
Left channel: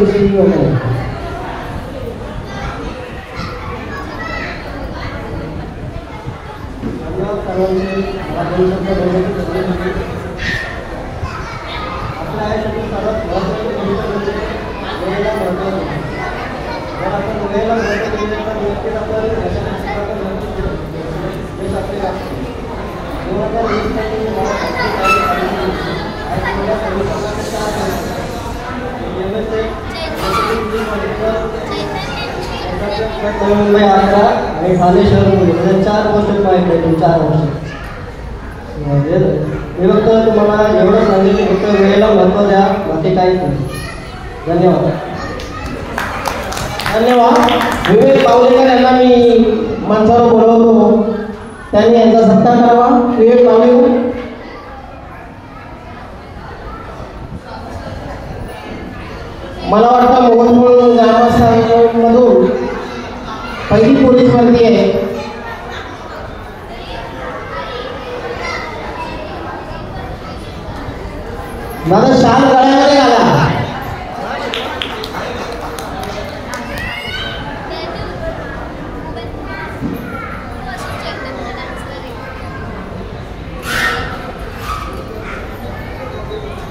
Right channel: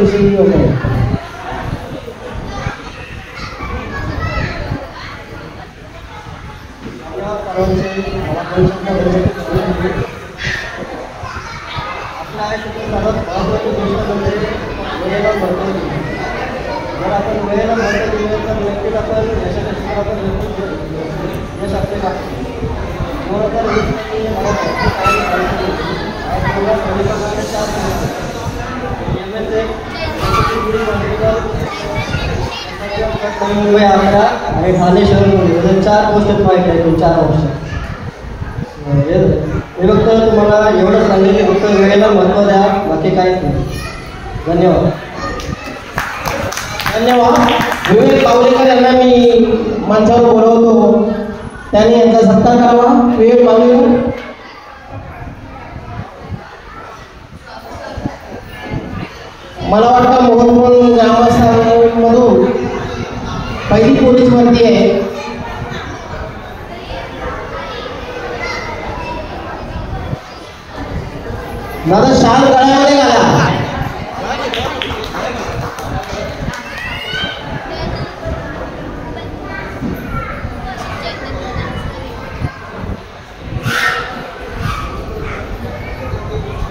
परीक्षेविषयी होतं. आपल्या आयुष्यातील सर्वात महत्त्वाची गोष्ट म्हणजे वेळेला महत्त्व देणे. जर आपण वेळेला महत्त्व दिले तर नक्कीच आपण यश आपले लागते. मुळात यश म्हणजे मला आणि ठाणे शहरामध्ये 4 वर्ष पॉईंट आहे. 4 वर्ष मी फक्त तुम्हाला एवढं सांगेल, फक्त वेळेला महत्त्व द्या, बाकी काहीच नाही. धन्यवाद. धन्यवाद. विवेक पावलेकर यांना मी मंचावर बोलवतो, त्यांनी यांचा सत्कार करावा. विवेक पावलेकर. मला वाटतं मोहनपूर ग्रामस्थांमधून पहिली पोलीस भरती आहे. माझा शाल गळ्यामध्ये घाला.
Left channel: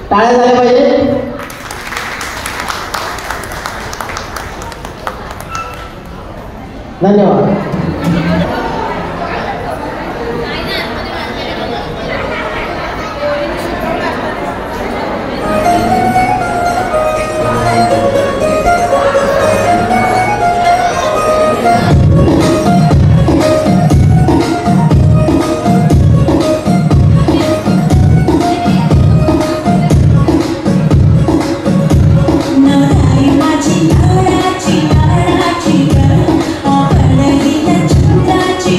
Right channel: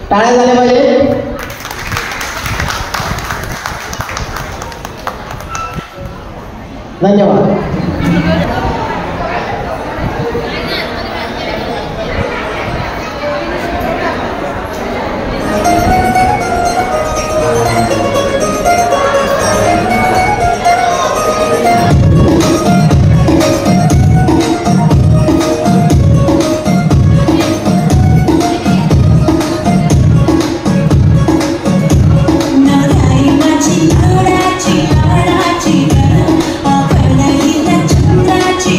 टाळ्या झाल्या पाहिजे. धन्यवाद. Chitra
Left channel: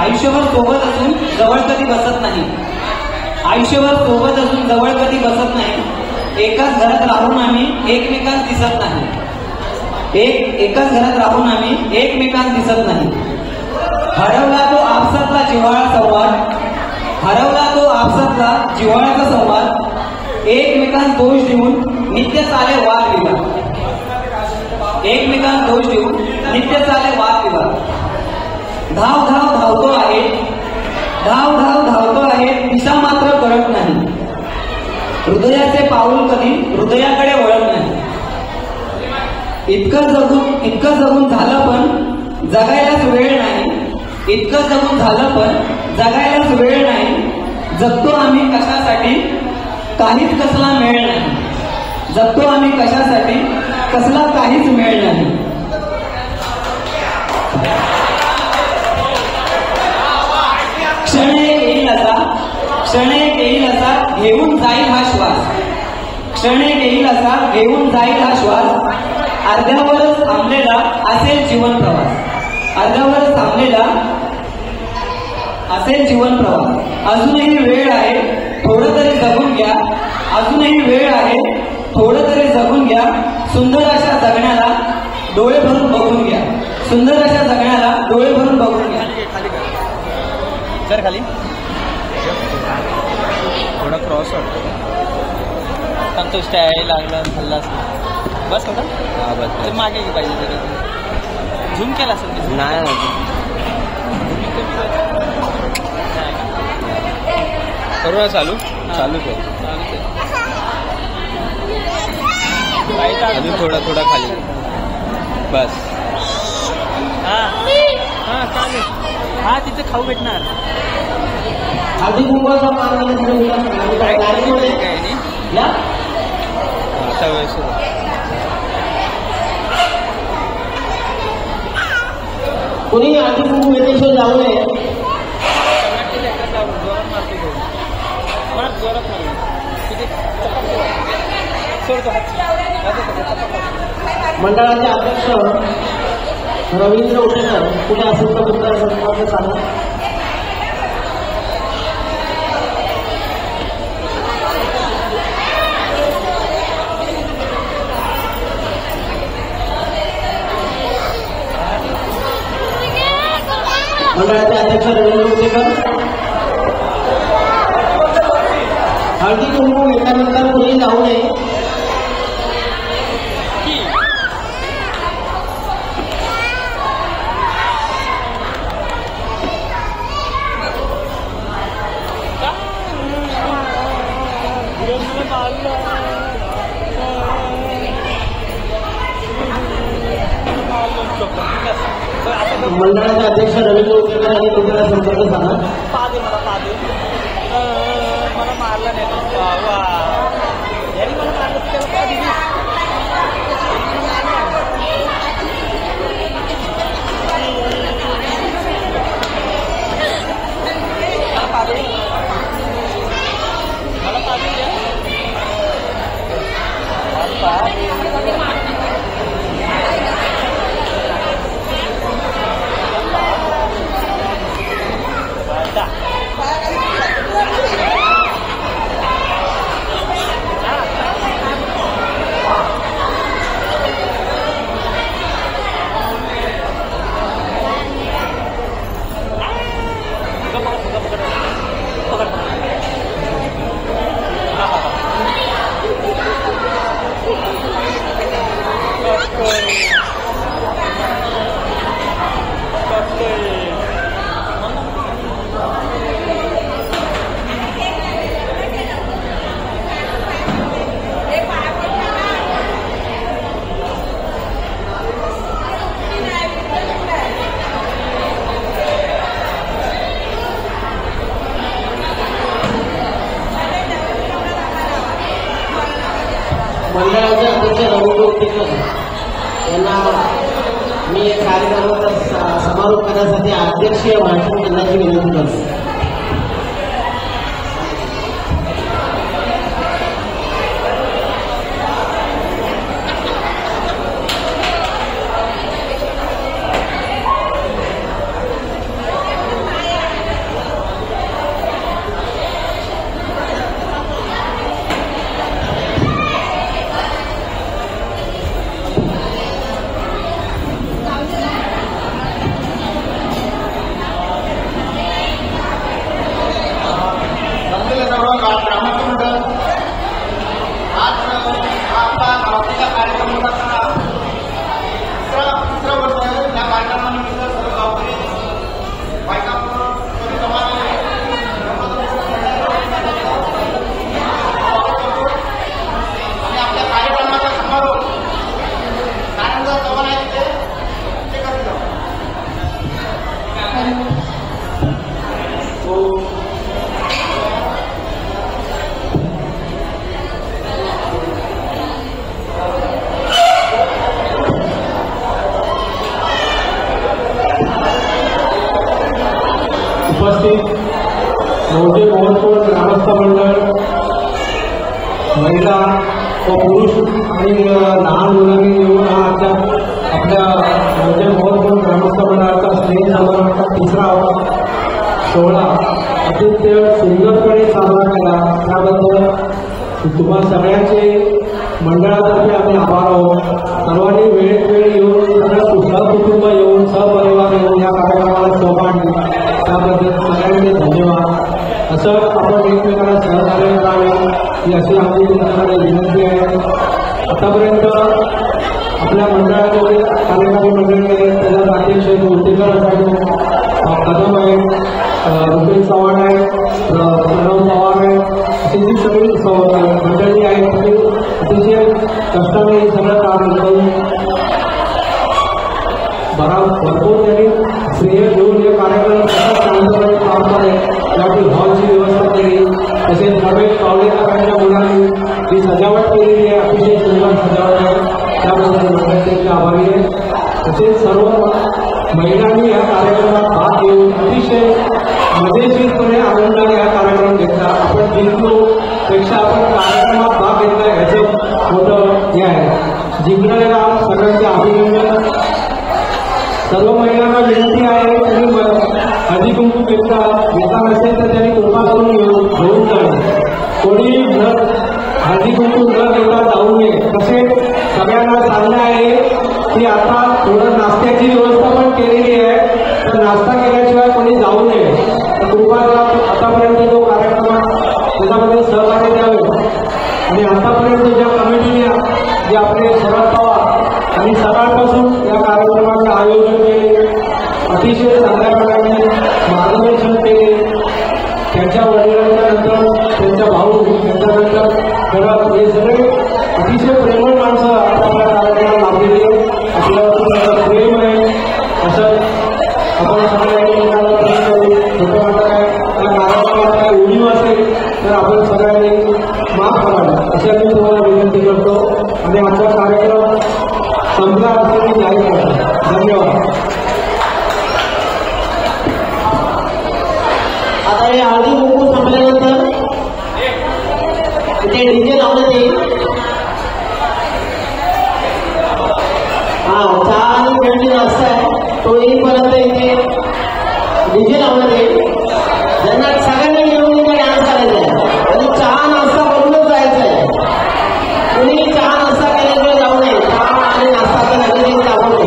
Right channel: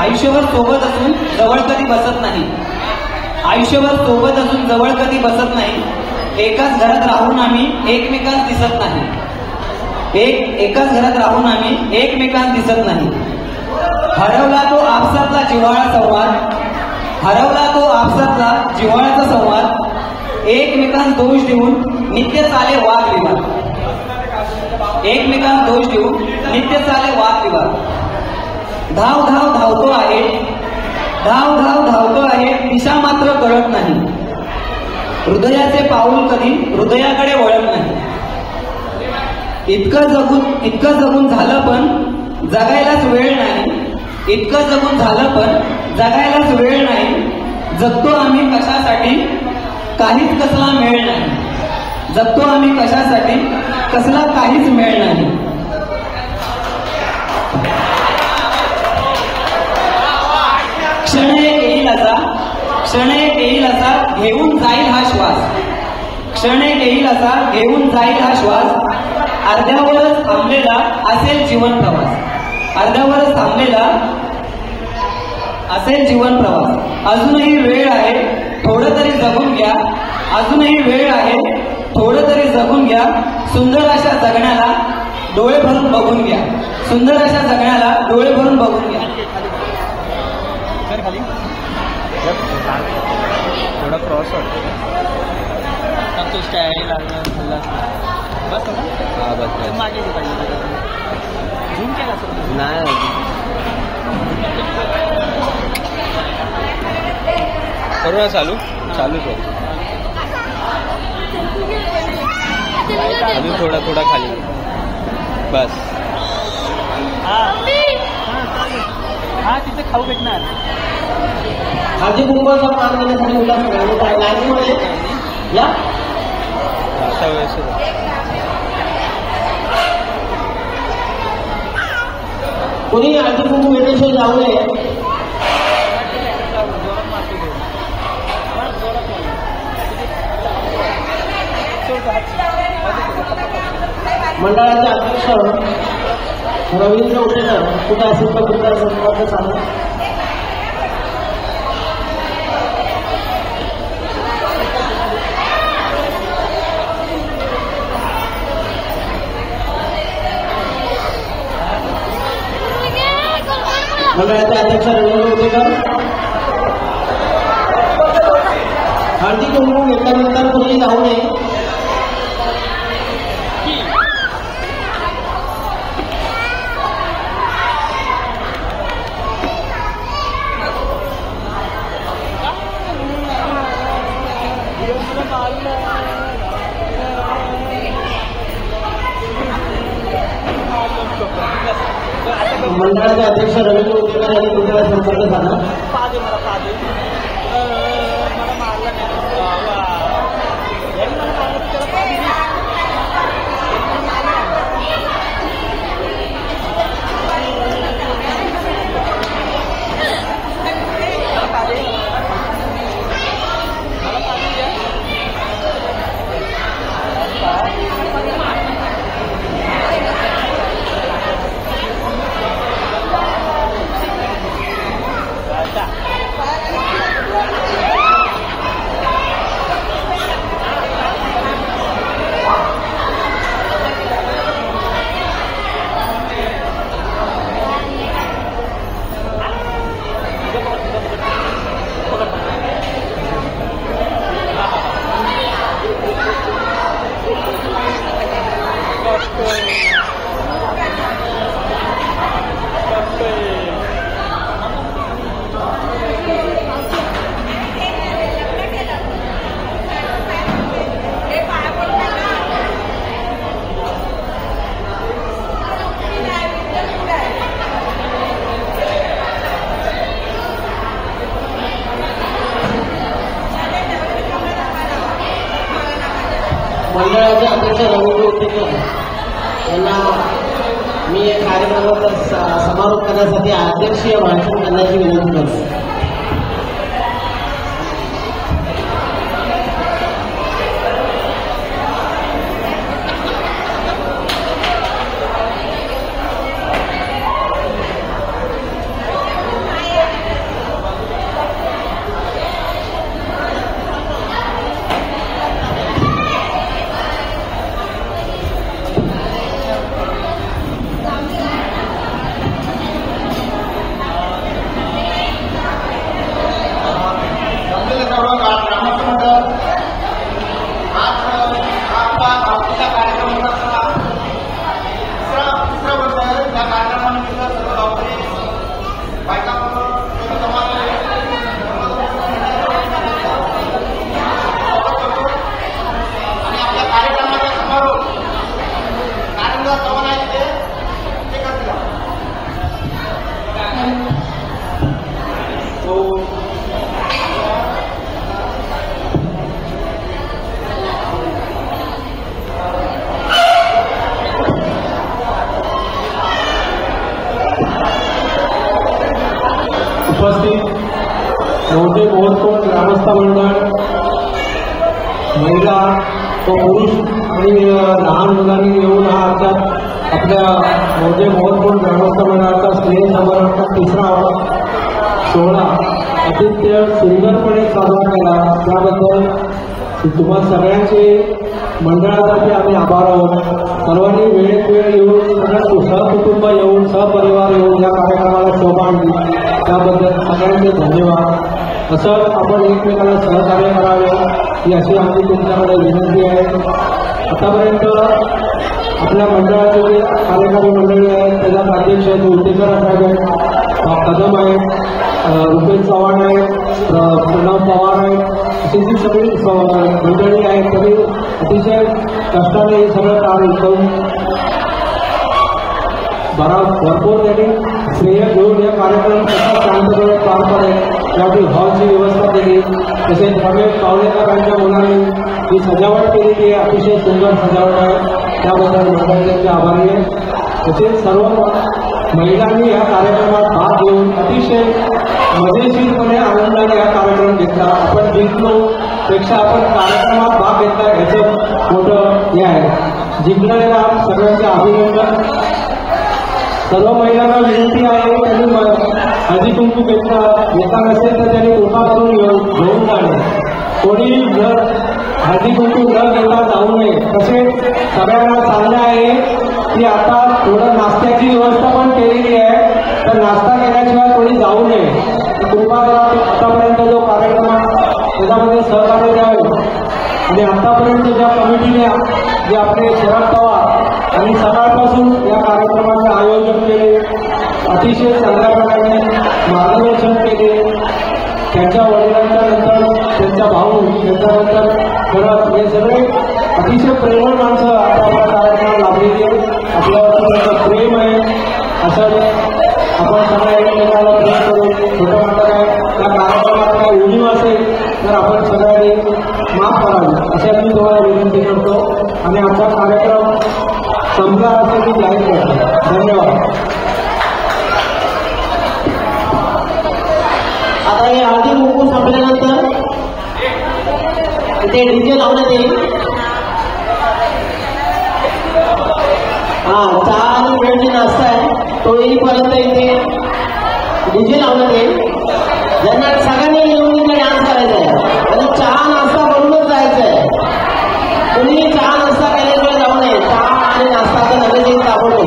आयुष्यभर सोबत असून जवळ कधी बसत नाही. आयुष्यभर सोबत असून जवळ कधी बसत नाही. एकाच घरात राहून आम्ही एकमेकांस दिसत नाही. एकाच घरात राहून आम्ही एकमेकांस दिसत नाही. हरवला तो आपसातला जिव्हाळा संवाद. हरवला तो आपसातला जिव्हाळ्याचा संवाद. एकमेकांस दोष देऊन नित्य चाले वादविवाद. एकमेकांना दोष देऊन नित्य चाले वादविवाद. धाव धाव धावतो आहे. धाव धाव धावतो आहे. दिशा मात्र कळत नाही. हृदयाचे पाऊल कधी हृदयाकडे वळत नाही. इतकं जगून झालं पण जगायलाच वेळ नाही. इतकं जगून झालं पण जगायलाच वेळ नाही. जगतो आम्ही कशासाठी काहीच कसला मेळ नाही. जगतो आम्ही कशासाठी कसला काहीच मेळ नाही. क्षणे येईल असा घेऊन जाईल हा श्वास. क्षणे येईल असा घेऊन जाईल हा श्वास. अर्ध्यावरच थांबलेला असेल जीवन प्रवास. अर्ध्यावरच थांबलेला असेल जीवन प्रवास. अजूनही वेळ आहे थोडं तरी जगून घ्या. अजूनही वेळ आहे थोडं तरी जगून घ्या. सुंदर अशा जगण्याला डोळे भरून बघून घ्या. सुंदर अशा जगण्याला डोळे भरून बघून घ्या. कर खाली थोडा क्रॉस वाटतो. स्टाईल बस हा बस बस मागे झूम केला नाही करू ना. चालूच आहे. अजून थोडा खाली बस. हा तिथे खाऊ भेटणार. आता व्यवस्थित कोणी आधी जाऊ नये. मंडळाचे अध्यक्ष रवींद्र उटेकर कुठे असेल तर तुमचा सांगा. मंडळाचे अध्यक्ष रवींद्र उटेकर राहू नये. मंडळाचे अध्यक्ष रवींद्र उपेकर यांनी तुमचा संपर्क साधला. मंडळाचे अध्यक्ष रवींद्र उपेकर यांना मी कार्यक्रमाचा समारोप करण्यासाठी अध्यक्षीय भाषण करण्याची विनंती करतो. महिला पुरुष आणि लहान मुलांनी येऊन आपल्या मोठे महत्वपूर्ण ग्रामस्थ मंडळाचा स्नेह समारंभ तिसरा सोहळा अतिशय सुंदरपणे साजरा केला. त्याबद्दल तुम्हा सगळ्यांचे मंडळातर्फे आम्ही आभार आहोत. सर्वांनी वेळेत वेळ येऊन सहकुटुंब येऊन सहपरिवार येऊन या कार्यक्रमाला सहभाग घेतला त्याबद्दल सगळ्यांचे धन्यवाद. असं आपण एकमेकांना सहकार्य करावे ही अशी आमची तुम्हाला विनंती आहे. आतापर्यंत आपल्या मंडळाचे कार्यक्रम मंडळी आहेत त्याला अध्यक्ष उद्योजक कदम आहे, रुपेश चव्हाण आहे, प्रणव चव्हाण आहे, अशी जी सगळी मंडळी आहेत तरी अतिशय कष्टाने हे सगळं काम करून भरपूर त्यांनी श्रेय घेऊन या कार्यक्रम कसा चांगल्यापणे काम करेल त्यामुळे हॉलची व्यवस्था केली. तसेच रमेश पावलेकरांच्या मुलांनी जी सजावट केलेली आहे अतिशय सुंदर सजावट आहे त्याबद्दल मंडळाचे आभारी आहे. तसेच सर्व महिलांनी या कार्यक्रमात भाग घेऊन अतिशय मजेशीरपणे आनंदाने या कार्यक्रम घेतला. आपण जिंकलो पेक्षा आपण कार्यक्रमात भाग घेतला ह्याचं मोठं हे आहे. जिंकणाऱ्या सगळ्यांचे अभिनंदन. सर्व महिलांना विनंती आहे त्यांनी हळदी कुंकू घेतलं येता असेल तर त्यांनी कोठावरून घेऊन जावे. कोणी हळदी कुंकू न घेता जाऊ नये. तसेच सगळ्यांना सांगणं आहे की आता थोडं नाश्त्याची व्यवस्था पण केलेली आहे तर नाश्ता केल्याशिवाय कोणी जाऊ नये. तुम्हाला आतापर्यंत जो कार्यक्रम त्याच्यामध्ये सहकार्य द्यावे आणि आतापर्यंत ज्या कमिटीने जे आपले शरद पवार आणि सकाळपासून या कार्यक्रमाचे आयोजन केले, अतिशय संध्याकाळाने मार्गदर्शन केले, त्यांच्या वडिलांच्या नंतर त्यांचा भाऊ, त्यांच्यानंतर खरं हे सगळे अतिशय प्रेमळ माणसं आपल्याला लाभलेली असं प्रेम आहे. असं आपण सगळ्या एकमेकांना प्रेम करू. छोट्या मोठ्या त्या कार्यक्रमात काही उणीव असेल तर आपण सगळ्यांनी माफ करावं असे आपण तुम्हाला विनंती करतो आणि आमचा कार्यक्रम संपला असे मी जाहीर करतो. धन्यवाद. हळदी कुंकू संपल्यानंतर इथे डीजे लावण्यात येईल. चहा आणि वेळी जास्त आहे तो येईपर्यंत इथे डीजे लावण्यात येईल. ज्यांना सगळ्यांना येऊन डान्स करायचा आहे आणि चहा नाश्ता करूनच जायचं आहे. कोणी चहा नाश्ता केल्याशिवाय जाऊ नये. चहा आणि नाश्ता तर नक्की आवडतो.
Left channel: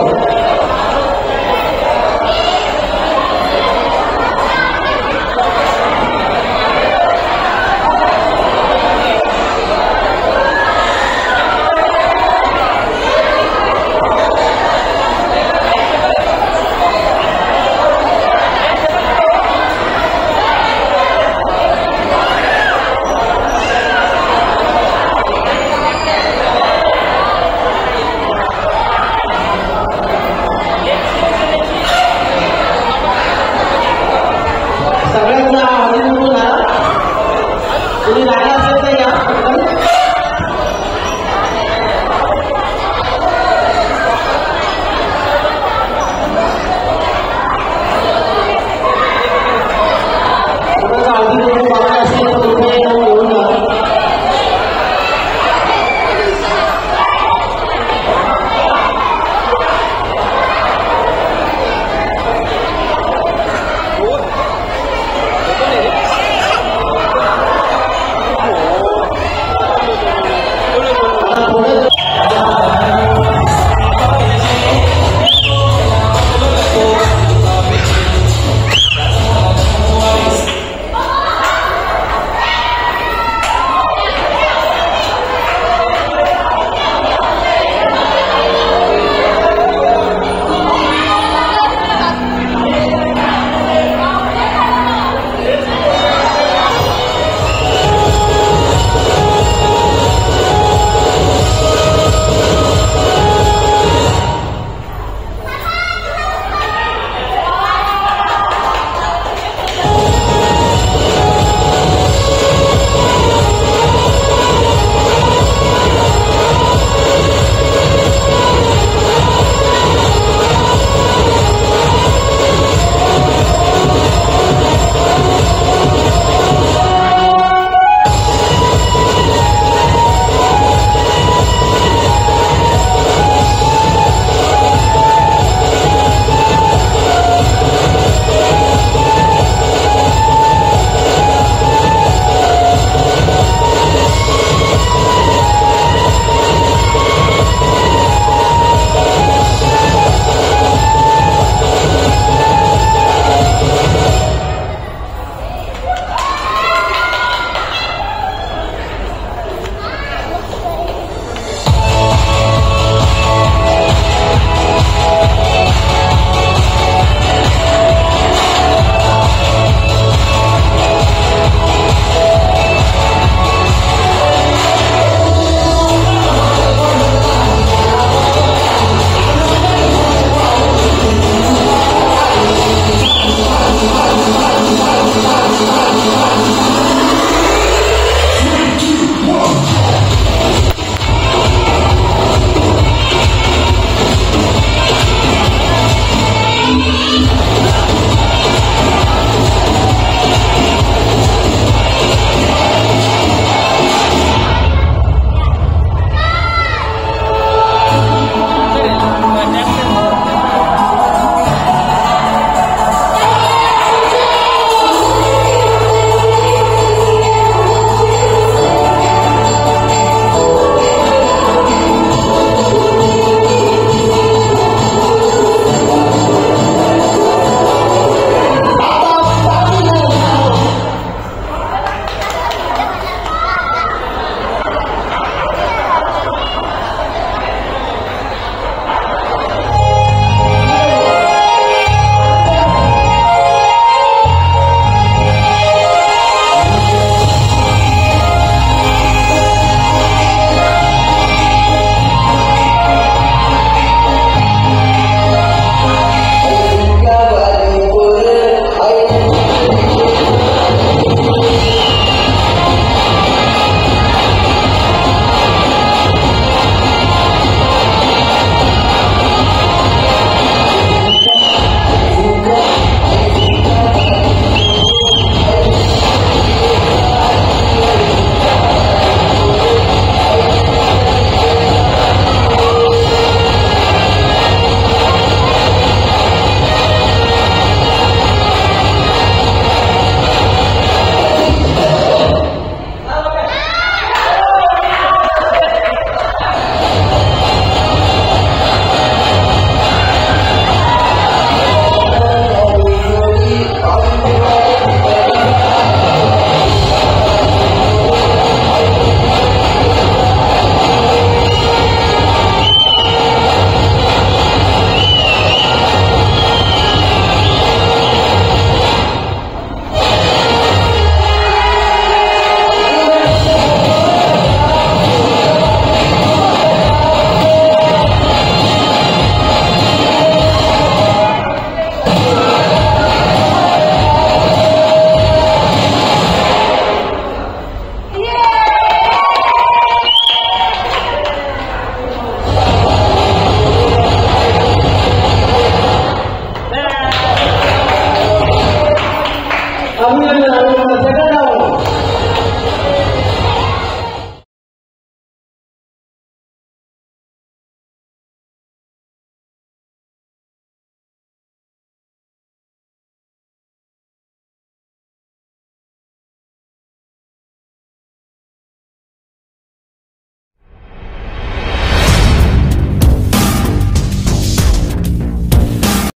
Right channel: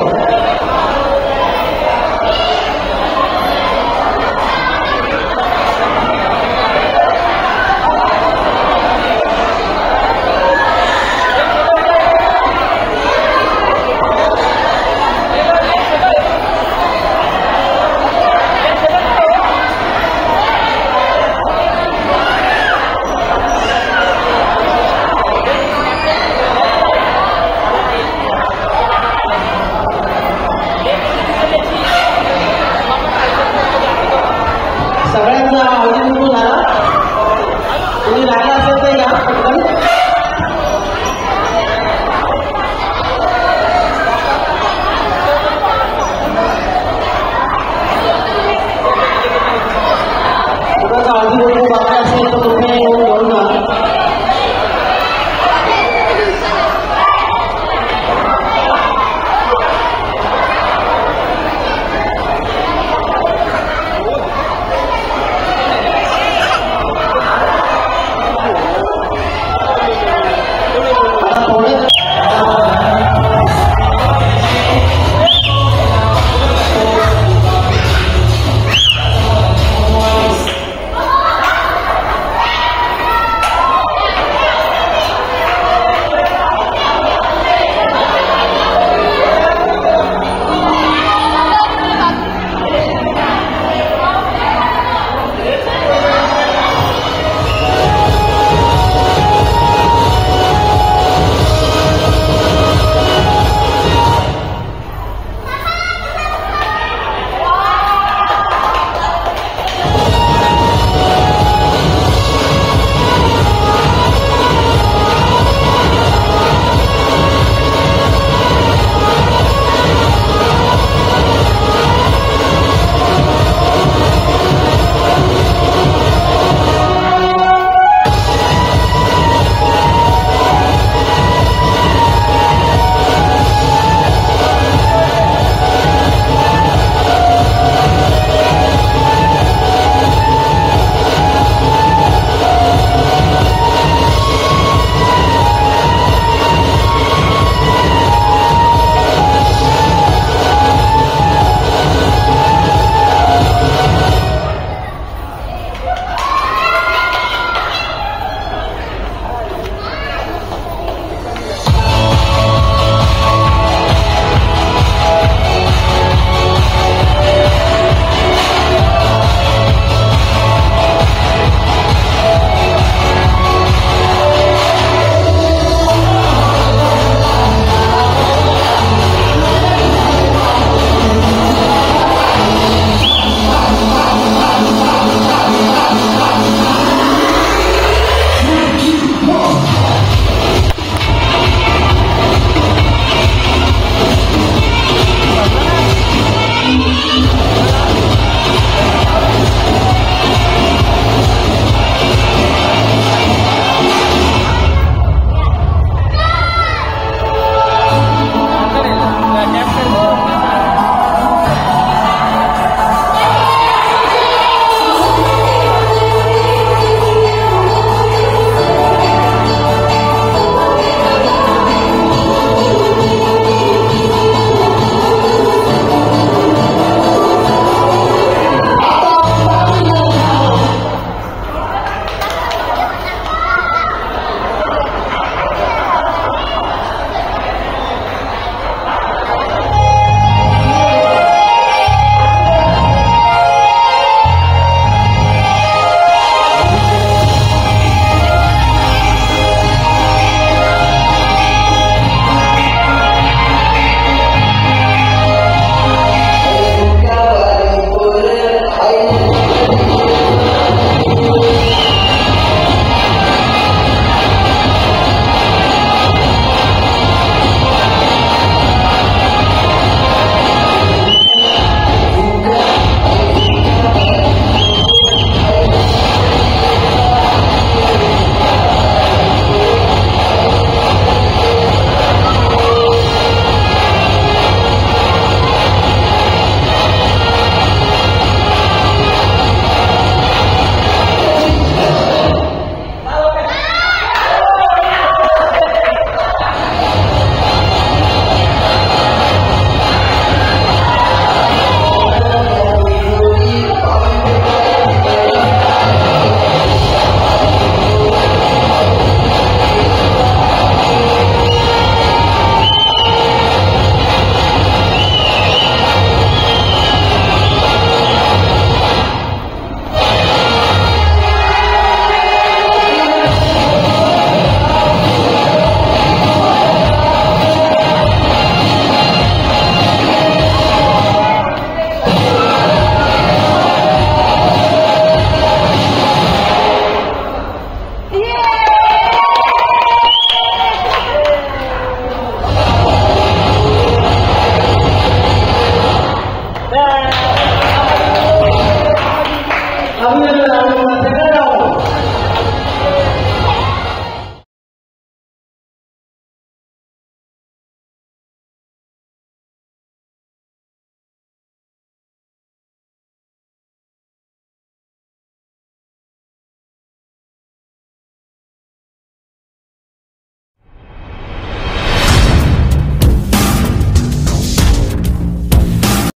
येऊन